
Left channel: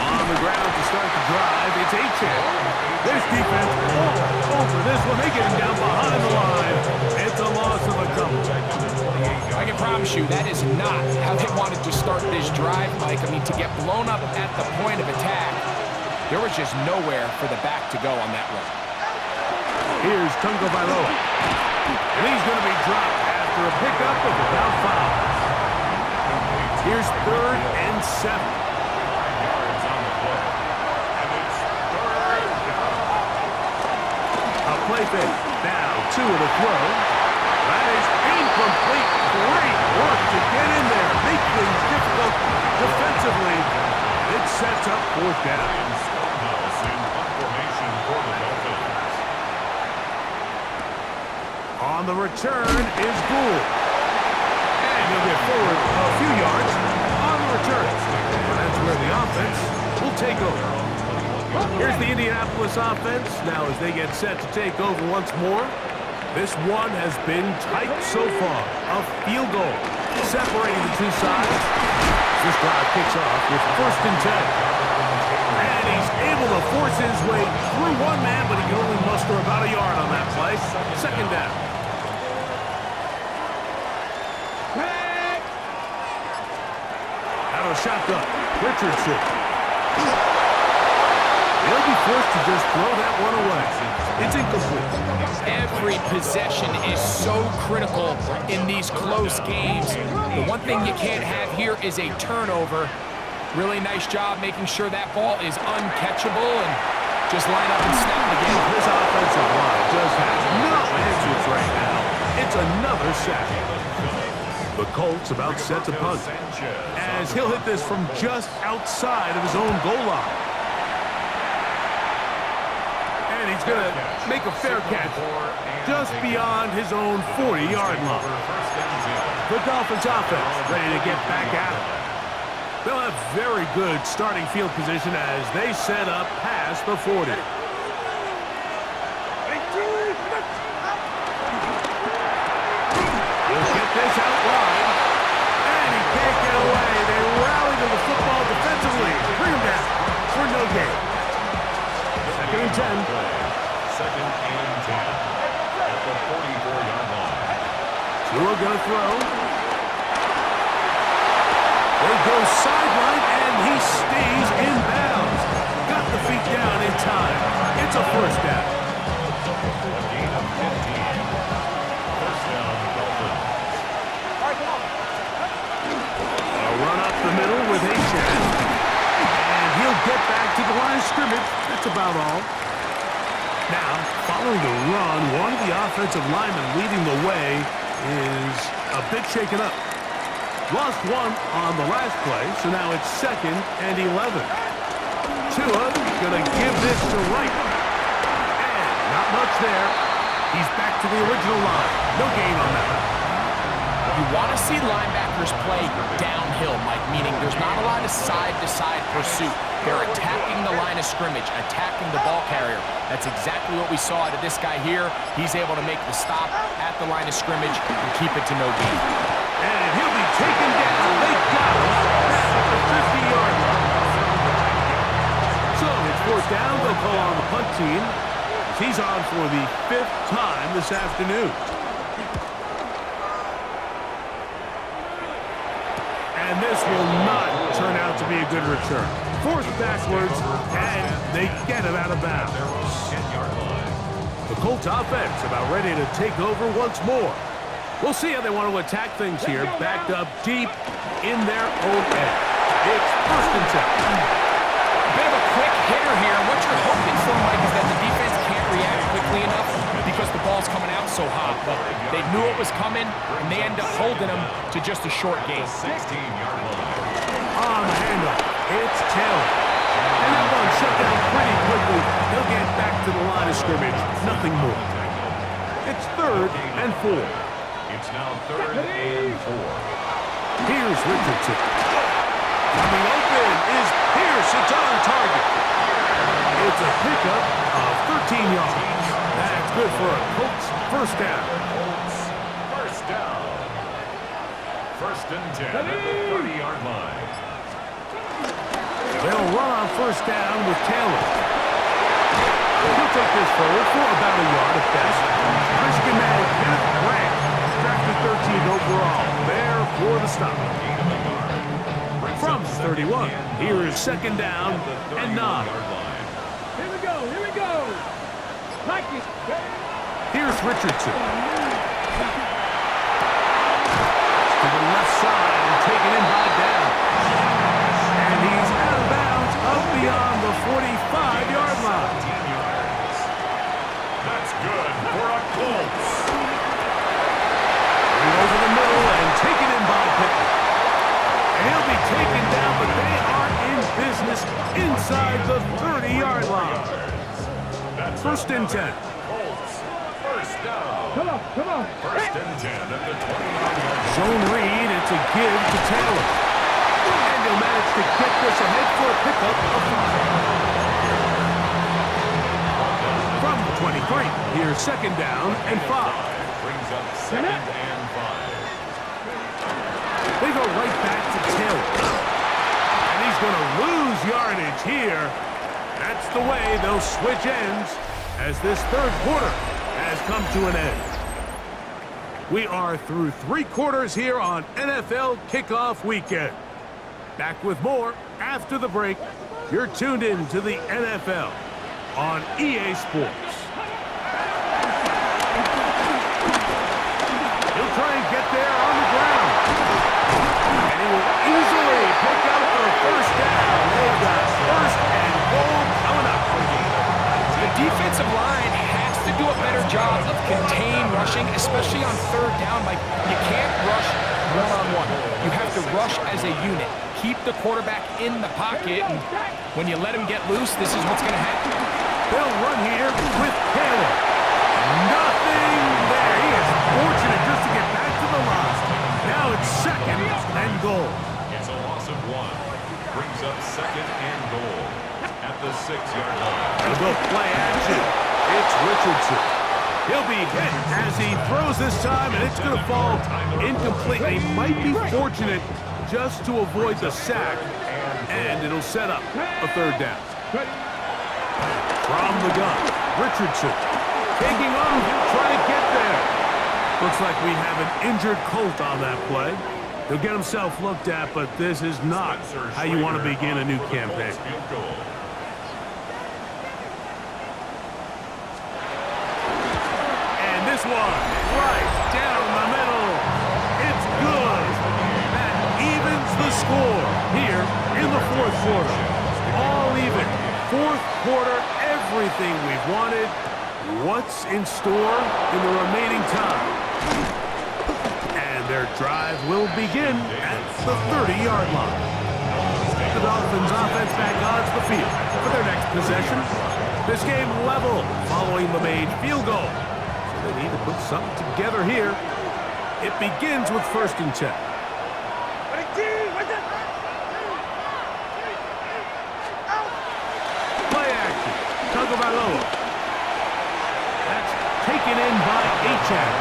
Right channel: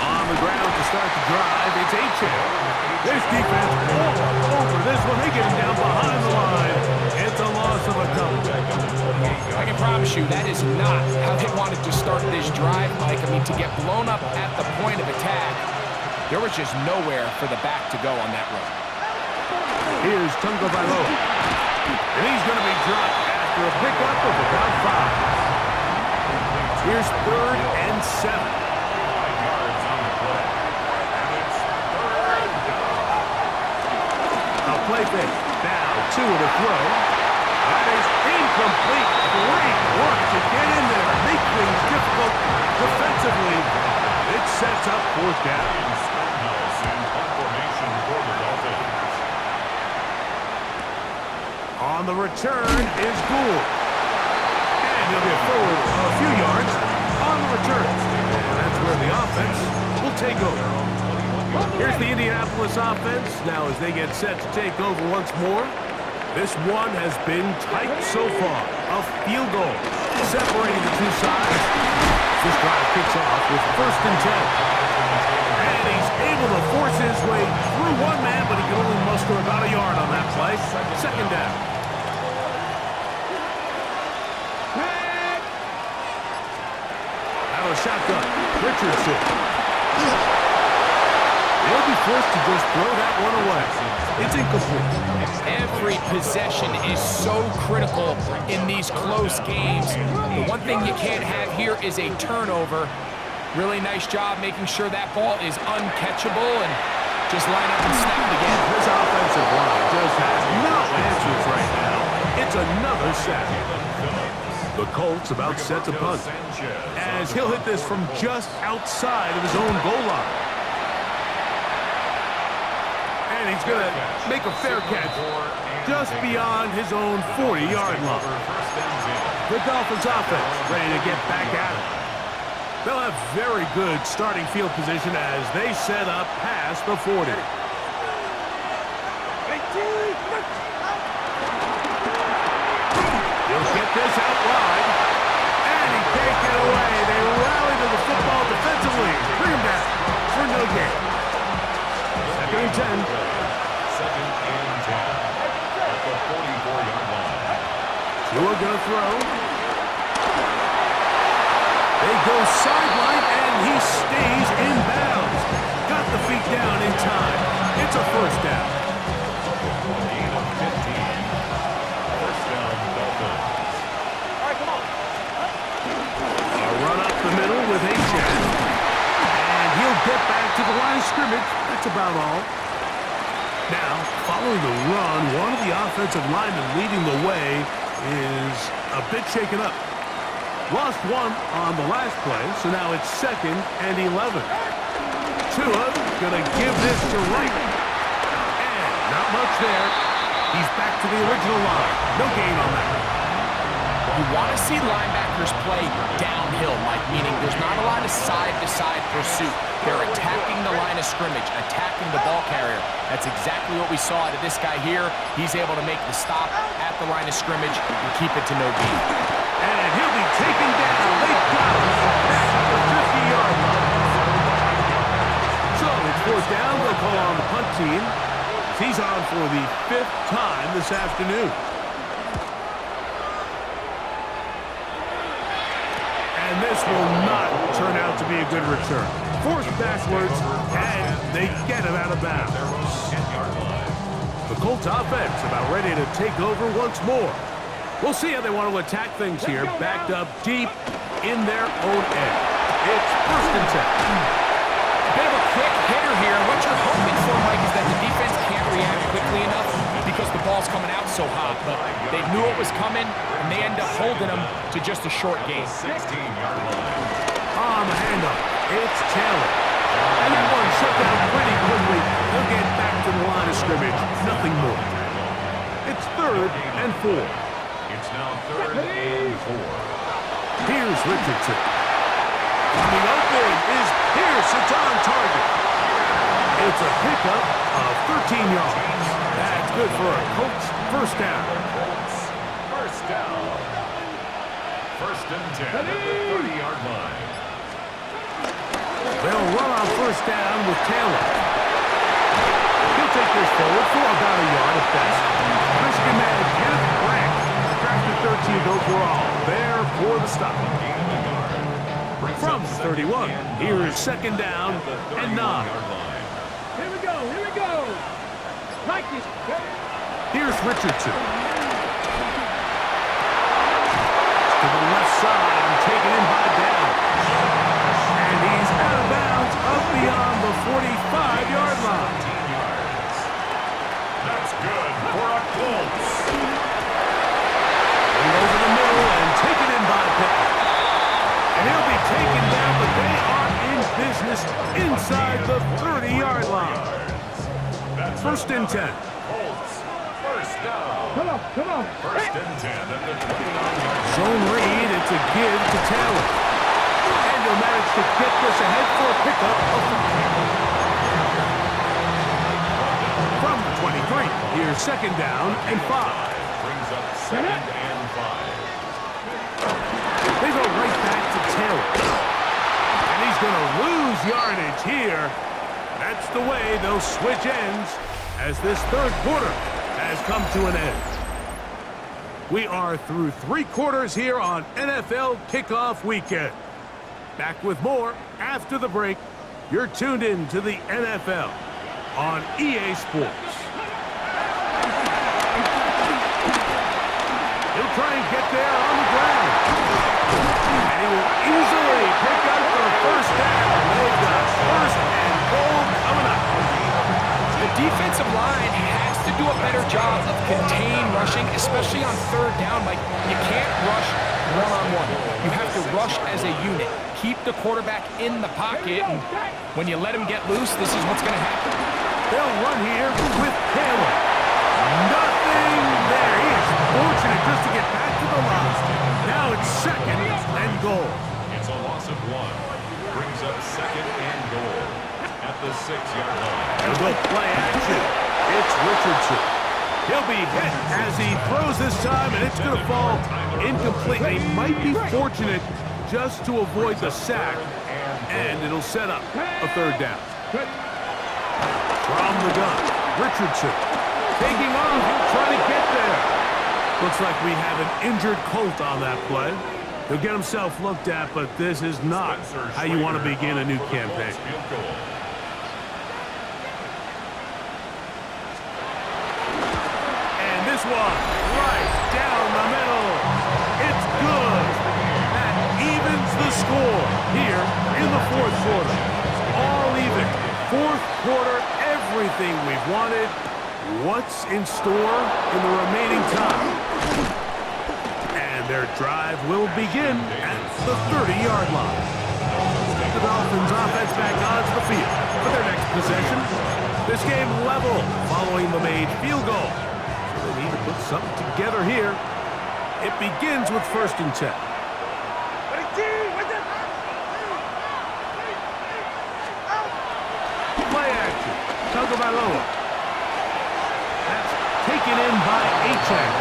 On the ground to start the drive, it's Achane. There's defense all over this one. They get him down behind the line. It's a loss of a couple. I can promise you that is not how they wanted to start this drive, Mike. I mean, to get blown up at the point of attack, there was just nowhere for the back to go on that run. Here's Tungo Bailoa. And he's going to be dropped after a pickup of about 5. Here's 3rd and 7. 5 yards on the play. And it's 3rd down. A play fake. Now 2 of the throw. That is incomplete. Great work to get in there. Make things difficult defensively. It sets up 4th down. In Stonehouse in punt formation for the Dolphins. On the return is Gould. And he'll get forward a few yards on the return. And that's where the offense will take over. Here's the Indianapolis offense. Now as they get set to take over once more. This one has been tight so far. A field goal separating the two sides. This drive kicks off with 1st and 10. And he's able to force his way through one man, but he can only muster about a yard on that play. 2nd down. Out of the shotgun, Richardson. They'll be forced to just throw that one away. It's incomplete. Every possession is so critical in these close games. The one thing you can't have here is a turnover. Really nice job making sure that ball is uncatchable and just line up and snap it again. This offensive line just has no answers right now. It's another sack. The Colts about set to punt, as he'll hit this from just outside of his own goal line. And he's going to make a fair catch just beyond his own 40-yard line. The Dolphins offense ready to get back at it. They'll have very good starting field position as they set up past the 40. He'll get this out wide, and he can't get away. They rally to the football defensively. Bring him down for no gain. 2nd and 10. 2nd and 10 at the 44-yard line. Tua gonna throw. They go sideline, and he stays in bounds. Got the feet down in time. It's a 1st down. A gain of 15. 1st down, Dolphins. All right, come on. A run up the middle with H.N. And he'll get back to the line of scrimmage. That's about all. Now, following the run, one of the offensive linemen leading the way is a bit shaken up. Lost one on the last play, so now it's 2nd and 11. Tua gonna give this to Wright. And not much there. He's back to the original line. No gain on that. You want to see linebackers play downhill, Mike, meaning there's not a lot of side-to-side pursuit. They're attacking the line of scrimmage, attacking the ball carrier. That's exactly what we saw out of this guy here. He's able to make the stop at the line of scrimmage and keep it to no gain. And he'll be taken down. They got him back at the 50-yard line. So it's 4th down. They'll call on the punt team. He's on for the 5th time this afternoon. And this will not turn out to be a good return. Forced backwards, and they get it out of bounds. The Colts offense about ready to take over once more. We'll see how they want to attack things here, backed up deep in their own end. It's 1st and 10. A bit of a quick hitter here, and what you're hoping for, Mike, is that the defense can't react quickly enough because the ball's coming out so hot. But they knew it was coming, and they end up holding them to just a short gain. 16-yard line. On the handoff, it's Taylor. And that one shut down pretty quickly. They'll get back to the line of scrimmage. Nothing more. It's 3rd and 4. It's now 3rd and 4. Here's Richardson. Coming open is Pierce. It's on target. It's a pickup of 13 yards. That's good for a Colts 1st down. Colts 1st down. 1st and 10 at the 30-yard line. They'll run on 1st down with Taylor. He'll take this forward for about a yard at best. Michigan man Kenneth Grant, drafted 13th overall, there for the stop. From 31, here is 2nd down and 9. Here we go, here we go. Like it. Here's Richardson. To the left side and taken in by down. And he's out of bounds up beyond the 45-yard line. 15 yards. That's good for a Colts. Going over the middle and taken in by Pittman. And he'll be taken down, but they are in business inside the 30-yard line. That's First and 10. Colts. First down. Come on, come on. First and 10 at the 29-yard line. Zone read, it's a give to Taylor. And he'll manage to get this ahead for a pickup of 5. From the 23, here's second down and 5. Brings up second and 5. They go right back to Taylor. And he's going to lose yardage here. That's the way they'll switch ends as this third quarter has come to an end. We are through 3 quarters here on NFL Kickoff Weekend. Back with more after the break. You're tuned in to the NFL on EA Sports. He'll try and get there on the ground. And he will easily pick up the first down. They've got first and goal coming up. The defensive line has to do a better job of contain rushing, especially on third down. Like, you can't rush one-on-one. You have to rush as a unit. Keep the quarterback in the pocket, and when you let him get loose, this is what's going to happen. They'll run here with Taylor. Nothing there. He is fortunate just to get back to the line. Now it's second and goal. It's a loss of 1. Brings up second and goal at the 6-yard line. They'll go play action. It's Richardson. He'll be hit as he throws this time, and it's going to fall incomplete. He might be fortunate just to avoid the sack, and it'll set up a third down. From the gun, Richardson taking off. He'll try to get there. Looks like we have an injured Colt on that play. He'll get himself looked at, but this is not how you want to begin a new campaign. And this one, right down the middle. It's good. That evens the score here in the fourth quarter. All even. Fourth quarter, everything we've wanted. What's in store in the remaining time? And their drive will begin at the 30-yard line. The Dolphins offense back onto the field for their next possession. This game level following the made field goal. So they need to put something together here. It begins with first and 10. Play action. Tagovailoa. That's taken in by Achane.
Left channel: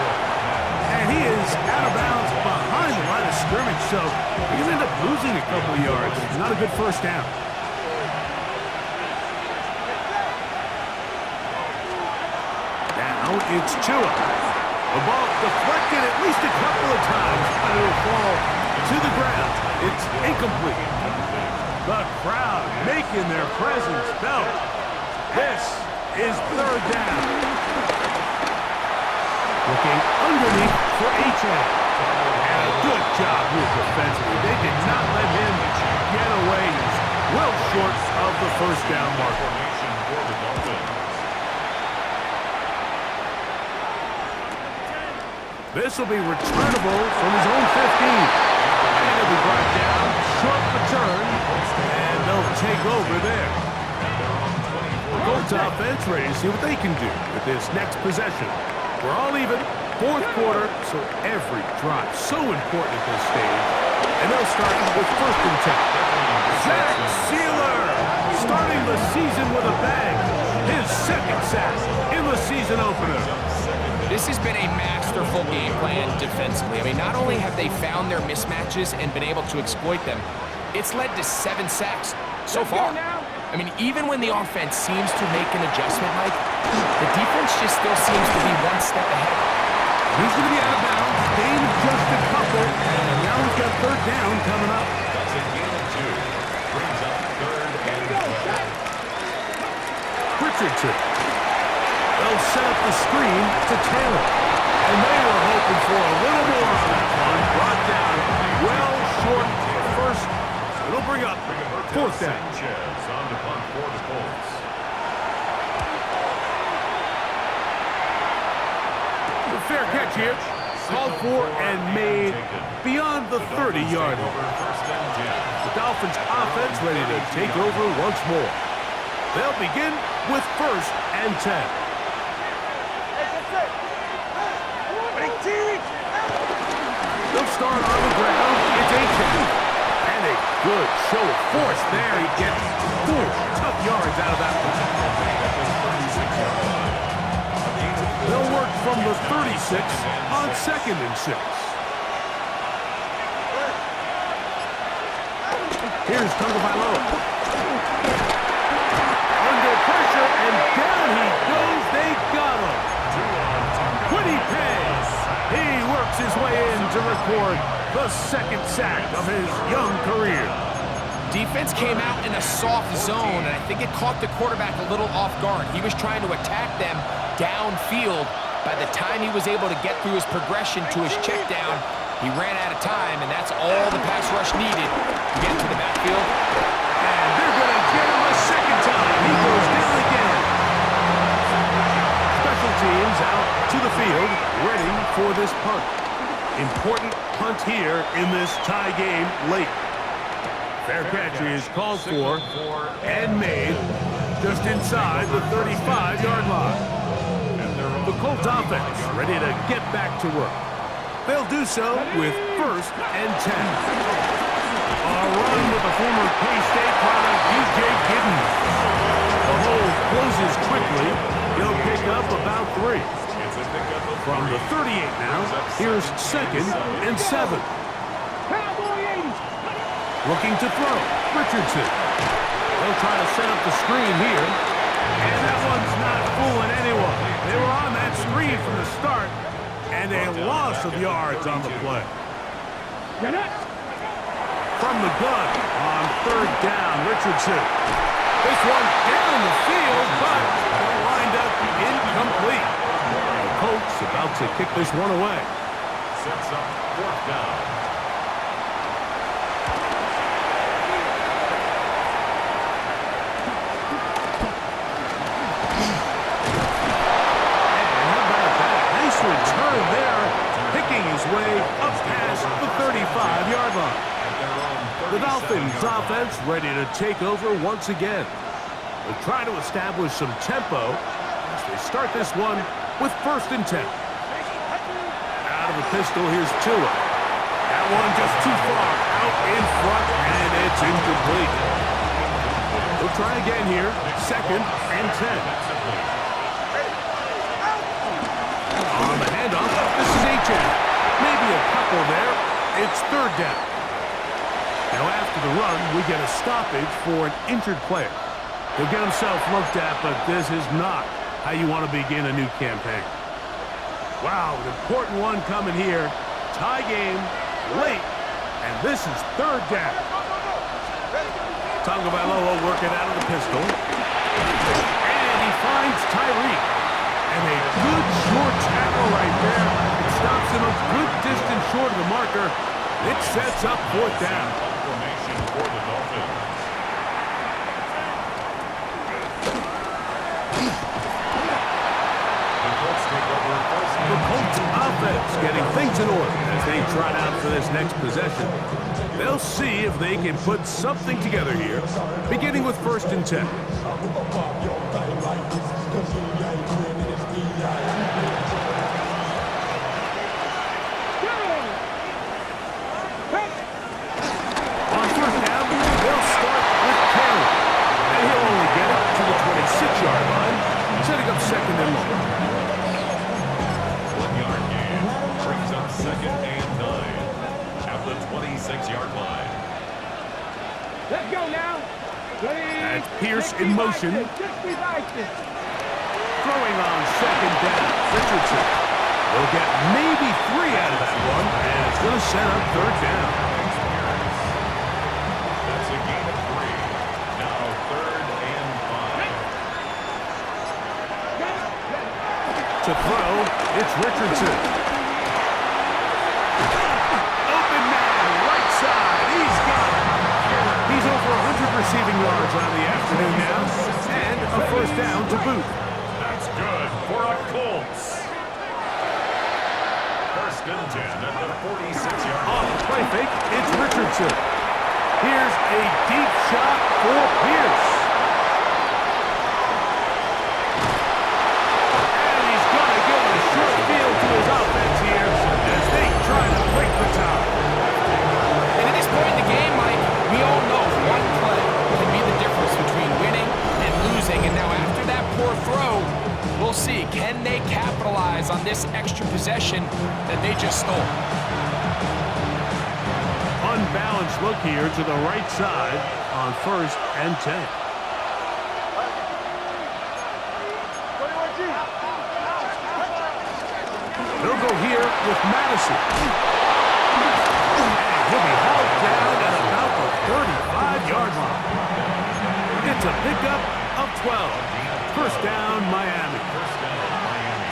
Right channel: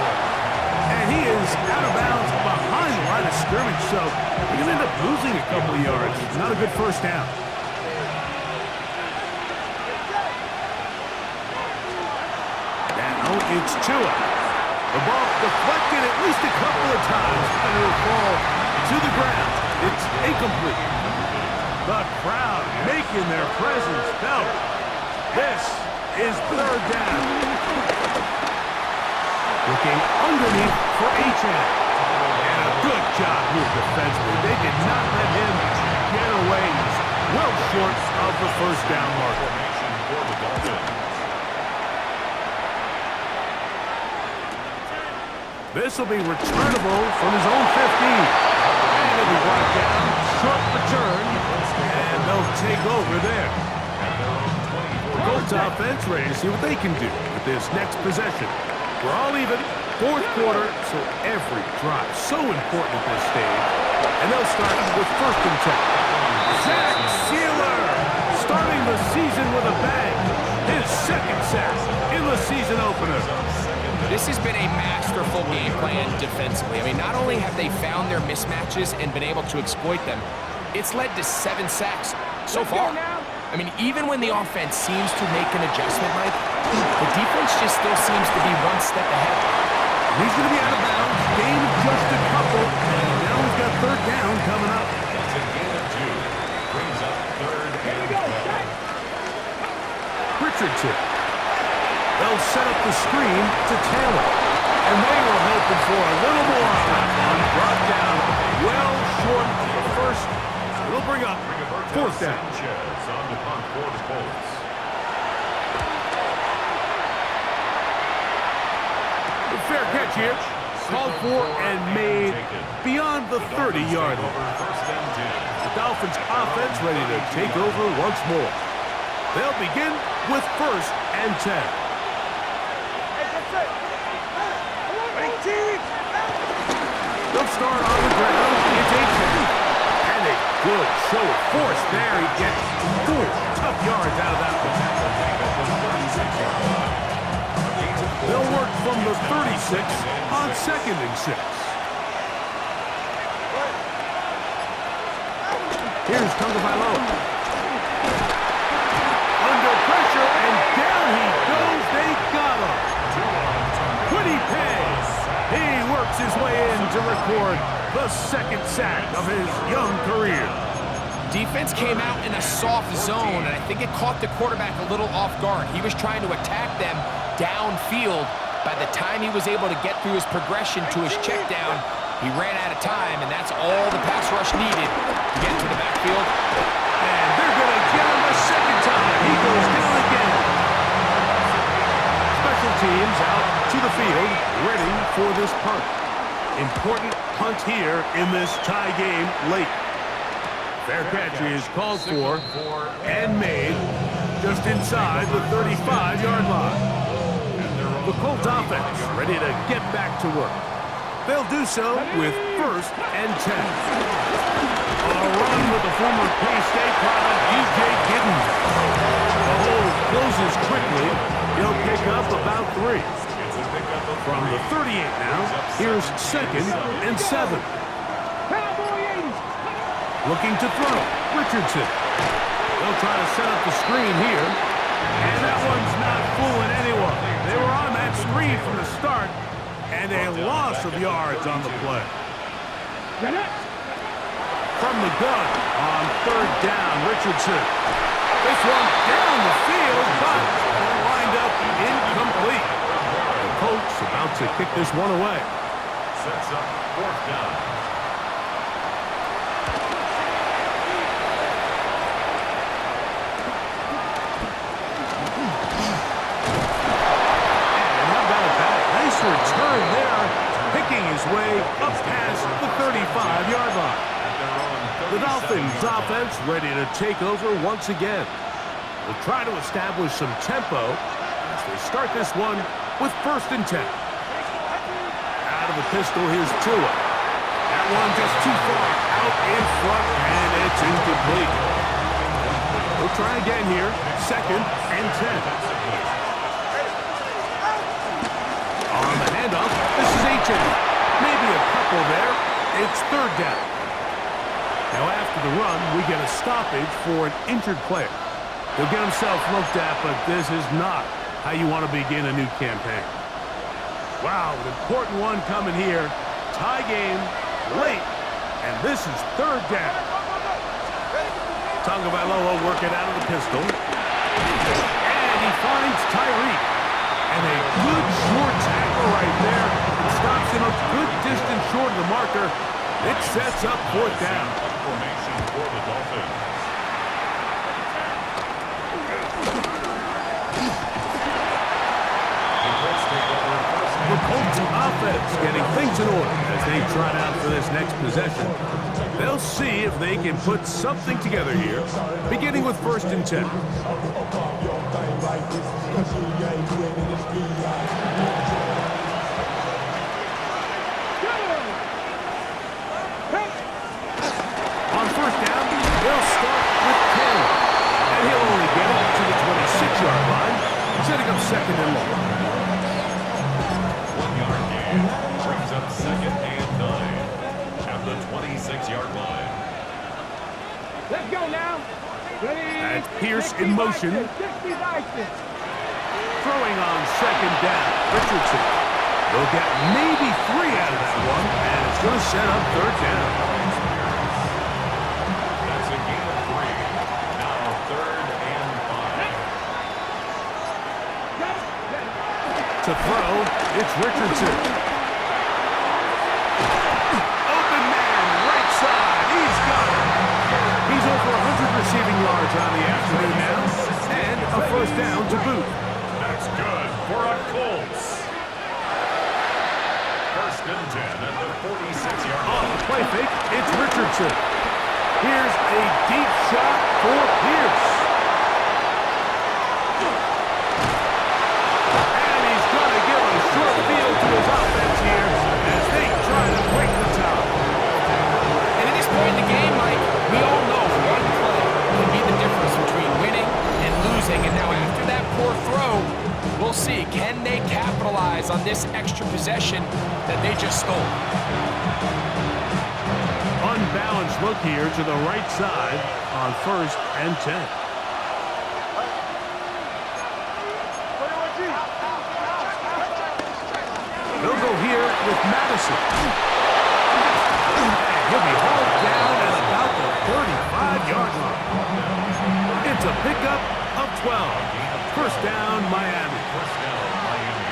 And he is out of bounds behind the line of scrimmage, so he's going to end up losing a couple of yards. Not a good first down. Now it's Tua. The ball deflected at least a couple of times, and it'll fall to the ground. It's incomplete. The crowd making their presence felt. This is third down. Looking underneath for Achane. And a good job here defensively. They did not let him get away. He's well short of the first down marker. Formation for the Dolphins. This will be returnable from his own 15. And it'll be brought down. Short return. And they'll take over there. The Colts offense ready to see what they can do with this next possession. We're all even. Fourth quarter, so every drive so important at this stage. And they'll start with first and 10. Zach Sealer starting the season with a bang. His second sack in the season opener. This has been a masterful game plan defensively. I mean, not only have they found their mismatches and been able to exploit them, it's led to 7 sacks so far. I mean, even when the offense seems to make an adjustment, Mike, the defense just still seems to be one step ahead. He's going to be out of bounds. Gain of just a couple. And now we've got third down coming up. That's a gain of 2. Brings up third and 12. Richardson. They'll set up the screen to Taylor. And they were hoping for a little more on that one. Brought down well short of the first. So it'll bring up fourth down. Sanchez on the punt for the Colts. The fair catch here. Called for and made beyond the 30-yard line. The Dolphins offense ready to take over once more. They'll begin with 1st and 10. They'll start on the ground. It's A-10. And a good show of force there. He gets 4 tough yards out of that one. They'll work from the 36 on 2nd and 6. Here's Tagovailoa. Under pressure, and down he goes. They got him. Quiddy pays. He works his way in to record the 2nd sack of his young career. Defense came out in a soft zone, and I think it caught the quarterback a little off guard. He was trying to attack them downfield. By the time he was able to get through his progression to his check down, he ran out of time, and that's all the pass rush needed to get to the backfield. And they're going to get him a 2nd time. He goes down again. Special teams out to the field, ready for this punt. Important punt here in this tie game late. Fair catch is called for and made just inside the 35-yard line. The Colts offense ready to get back to work. They'll do so with 1st and 10. A run with the former K-State product, DJ Giddens. The hole closes quickly. He'll pick up about 3. From the 38 now, here's 2nd and 7. Looking to throw, Richardson. They'll try to set up the screen here. And that one's not fooling anyone. They were on that screen from the start, and a loss of yards on the play. From the gun on 3rd down, Richardson. This one down the field, but it'll wind up incomplete. The Colts about to kick this one away. Sets up 4th down. Nice return there, picking his way up past the 35-yard line. The Dolphins offense ready to take over once again. They'll try to establish some tempo as they start this one with 1st and 10. Out of the pistol, here's Tua. That one just too far out in front, and it's incomplete. They'll try again here, 2nd and 10. On the handoff, this is A-10. Maybe a couple there. It's 3rd down. Now after the run, we get a stoppage for an injured player. He'll get himself looked at, but this is not how you want to begin a new campaign. Wow, an important one coming here. Tie game, late, and this is 3rd down. Tagovailoa working out of the pistol. And he finds Tyreek. And a good short tackle right there. It stops him a good distance short of the marker. It sets up 4th down. Formation for the Dolphins. The Colts offense getting things in order as they trot out for this next possession. They'll see if they can put something together here, beginning with 1st and 10. On 1st down, they'll start with Taylor, and he'll only get it to the 26-yard line, setting up 2nd and long. 1-yard gain brings up 2nd and 9 at the 26-yard line. Let's go now. That's Pierce in motion. Throwing on 2nd down, Richardson. They'll get maybe 3 out of that one, and it's going to set up 3rd down. That's a gain of 3. Now 3rd and 5. to throw. It's Richardson. Open man, right side. He's got it. He's over 100 receiving yards on the afternoon now, and a first down to boot. That's good for a Colts. First and 10 at the 46-yard line. Off the play fake, it's Richardson. Here's a deep shot for Pierce. And he's going to give a short field to his offense here as they try to break the tie. And at this point in the game, Mike, we all know one play can be the difference between winning and losing. And now after that poor throw, we'll see, can they capitalize on this extra possession that they just stole? Unbalanced look here to the right side on 1st and 10. They'll go here with Madison. And he'll be hauled down at about the 35-yard line. It's a pickup of 12. First down, Miami. First down, Miami.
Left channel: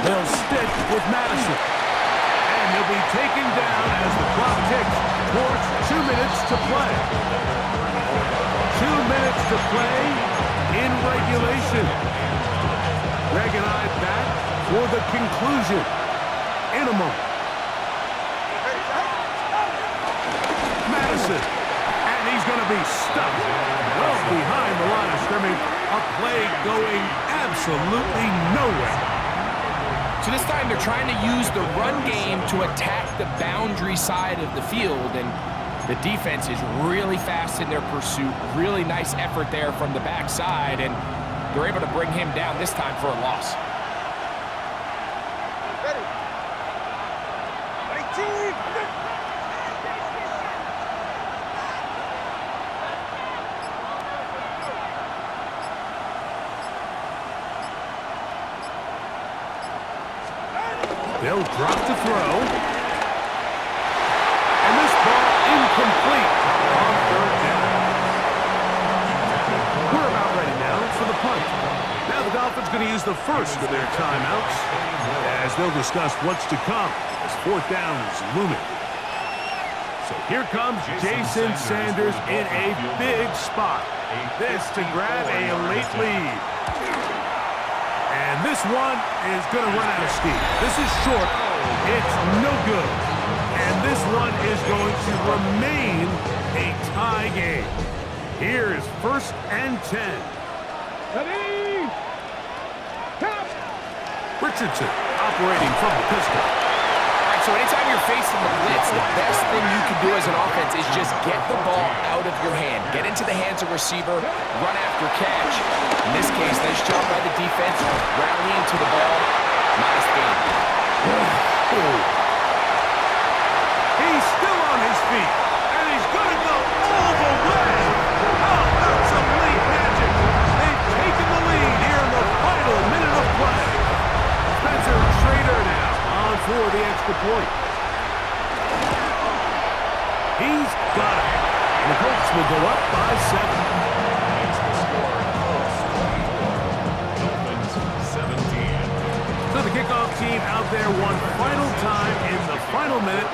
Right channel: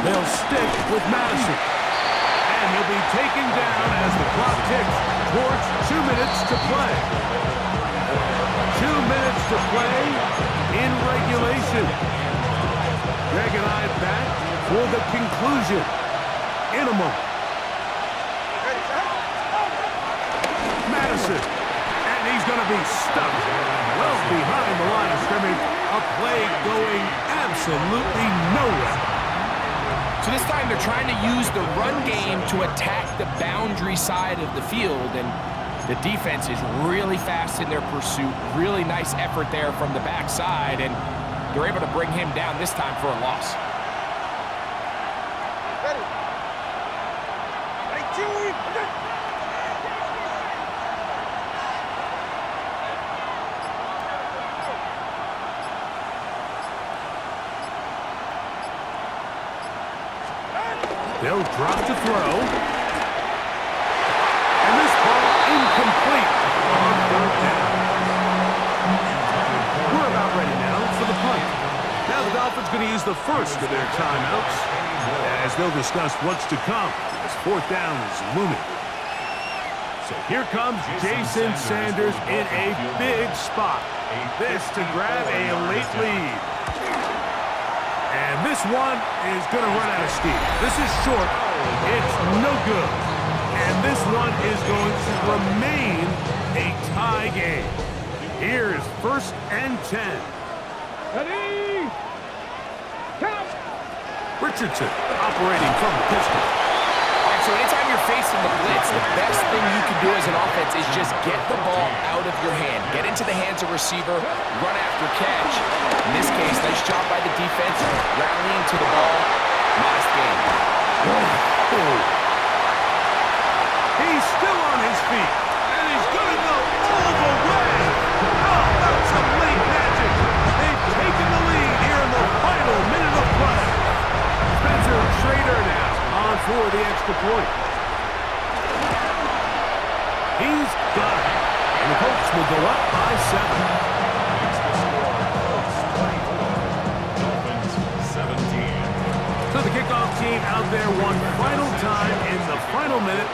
They'll stick with Madison. And he'll be taken down as the clock ticks towards 2 minutes to play. 2 minutes to play in regulation. Greg and I back for the conclusion in a moment. Madison. And he's going to be stuffed well behind the line of scrimmage. A play going absolutely nowhere. So this time they're trying to use the run game to attack the boundary side of the field, and the defense is really fast in their pursuit. Really nice effort there from the backside, and they're able to bring him down this time for a loss. Ready. 18. They'll drop to throw. And this ball incomplete on 3rd down. We're about ready now for the punt. Now the Dolphins going to use the first of their timeouts as they'll discuss what's to come as 4th down is looming. So here comes Jason Sanders in a big spot. This to grab a late lead. And this one is going to run out of steam. This is short. It's no good. And this one is going to remain a tie game. Here is 1st and 10. Ready. Count. Richardson operating from the pistol. All right, so anytime you're facing the blitz, the best thing you can do as an offense is just get the ball out of your hand. Get into the hands of receiver, run after catch. In this case, nice job by the defense, rallying to the ball. Modest gain. He's still on his feet, and he's going to go all the way. How about some late magic? They've taken the lead here in the final minute of play. Spencer Schrader now on for the extra point. He's got it. And the Colts will go up by 7. Makes the score Colts 24, Dolphins 17. So the kickoff team out there one final time in the final minute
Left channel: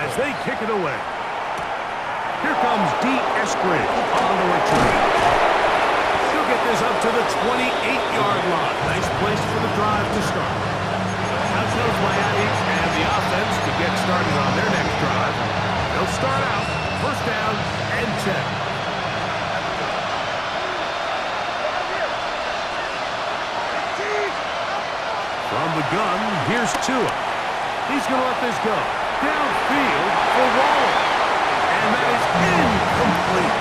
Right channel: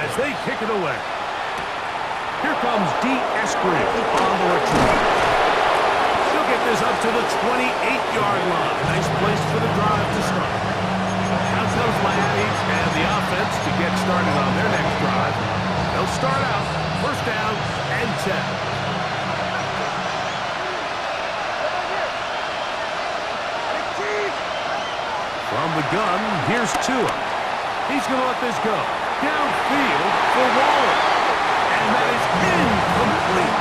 as they kick it away. Here comes D. Eskridge on the retreat. He'll get this up to the 28-yard line. Nice place for the drive to start. Out comes Miami and the offense to get started on their next drive. They'll start out 1st down and 10. From the gun, here's Tua. He's going to let this go. Downfield for Waller. And that is incomplete.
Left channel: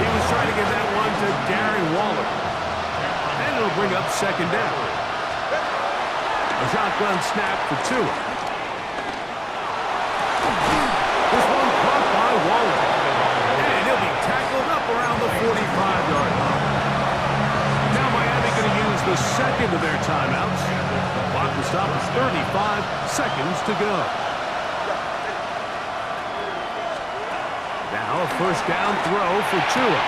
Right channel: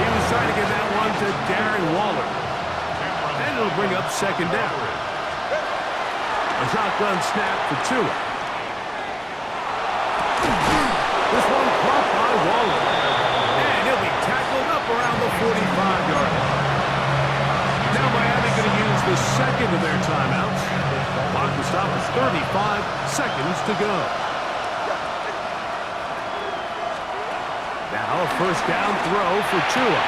He was trying to get that one to Darren Waller. And it'll bring up 2nd down. A shotgun snap for Tua. This one caught by Waller. And he'll be tackled up around the 45-yard line. Now Miami going to use the 2nd of their timeouts. Clock will stop at 35 seconds to go. Now a 1st down throw for Tua.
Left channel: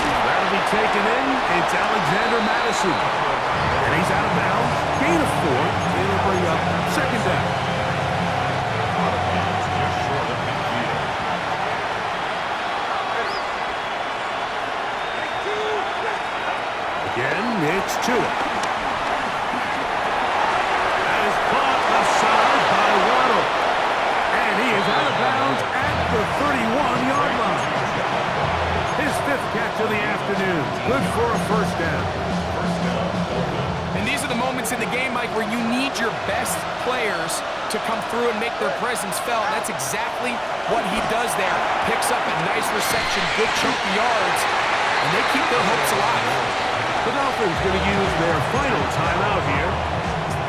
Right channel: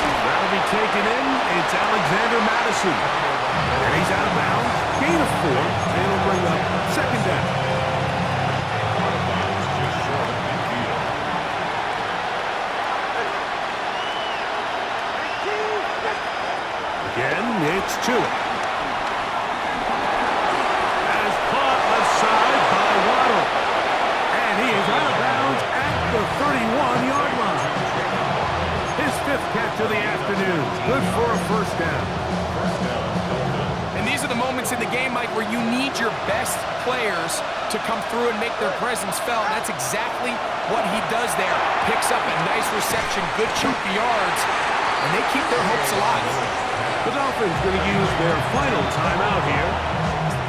That'll be taken in. It's Alexander Madison. And he's out of bounds. Gain of 4. It'll bring up second down. Out of bounds, just short of midfield. Again, it's Tua. That is caught left side by Waddle. And he is out of bounds at the 31-yard line. His 5th catch of the afternoon. Good for a first down. First down, Dolphins. And these are the moments in the game, Mike, where you need your best players to come through and make their presence felt. That's exactly what he does there. Picks up a nice reception, good chunk of yards, and they keep their hopes alive. The Dolphins going to use their final timeout here.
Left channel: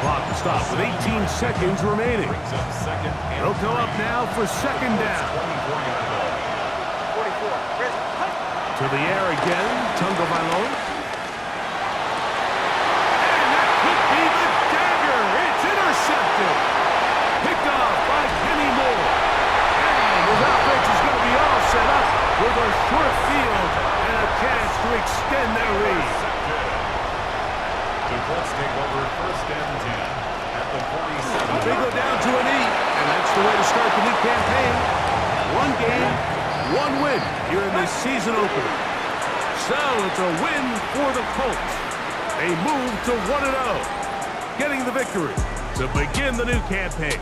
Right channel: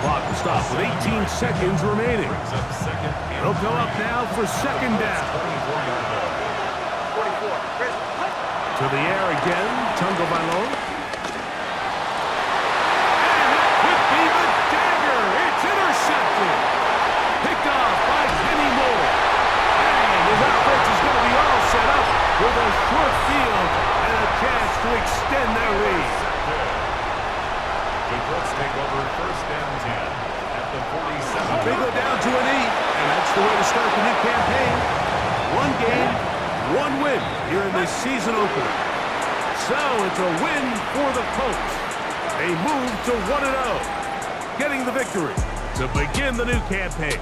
Clock will stop with 18 seconds remaining. Brings up second and They'll go up now for second down. 24-yard line. To the air again, Tungo Bailon. And that could be the dagger. It's intercepted. Picked off by Kenny Moore. And his offense is going to be all set up with a short field and a chance to extend their lead. The Colts take over first and 10 at the 47. They go down to an 8, and that's the way to start the new campaign. 1 game, 1 win here in this season opener. So it's a win for the Colts. They move to 1-0, getting the victory to begin the new campaign.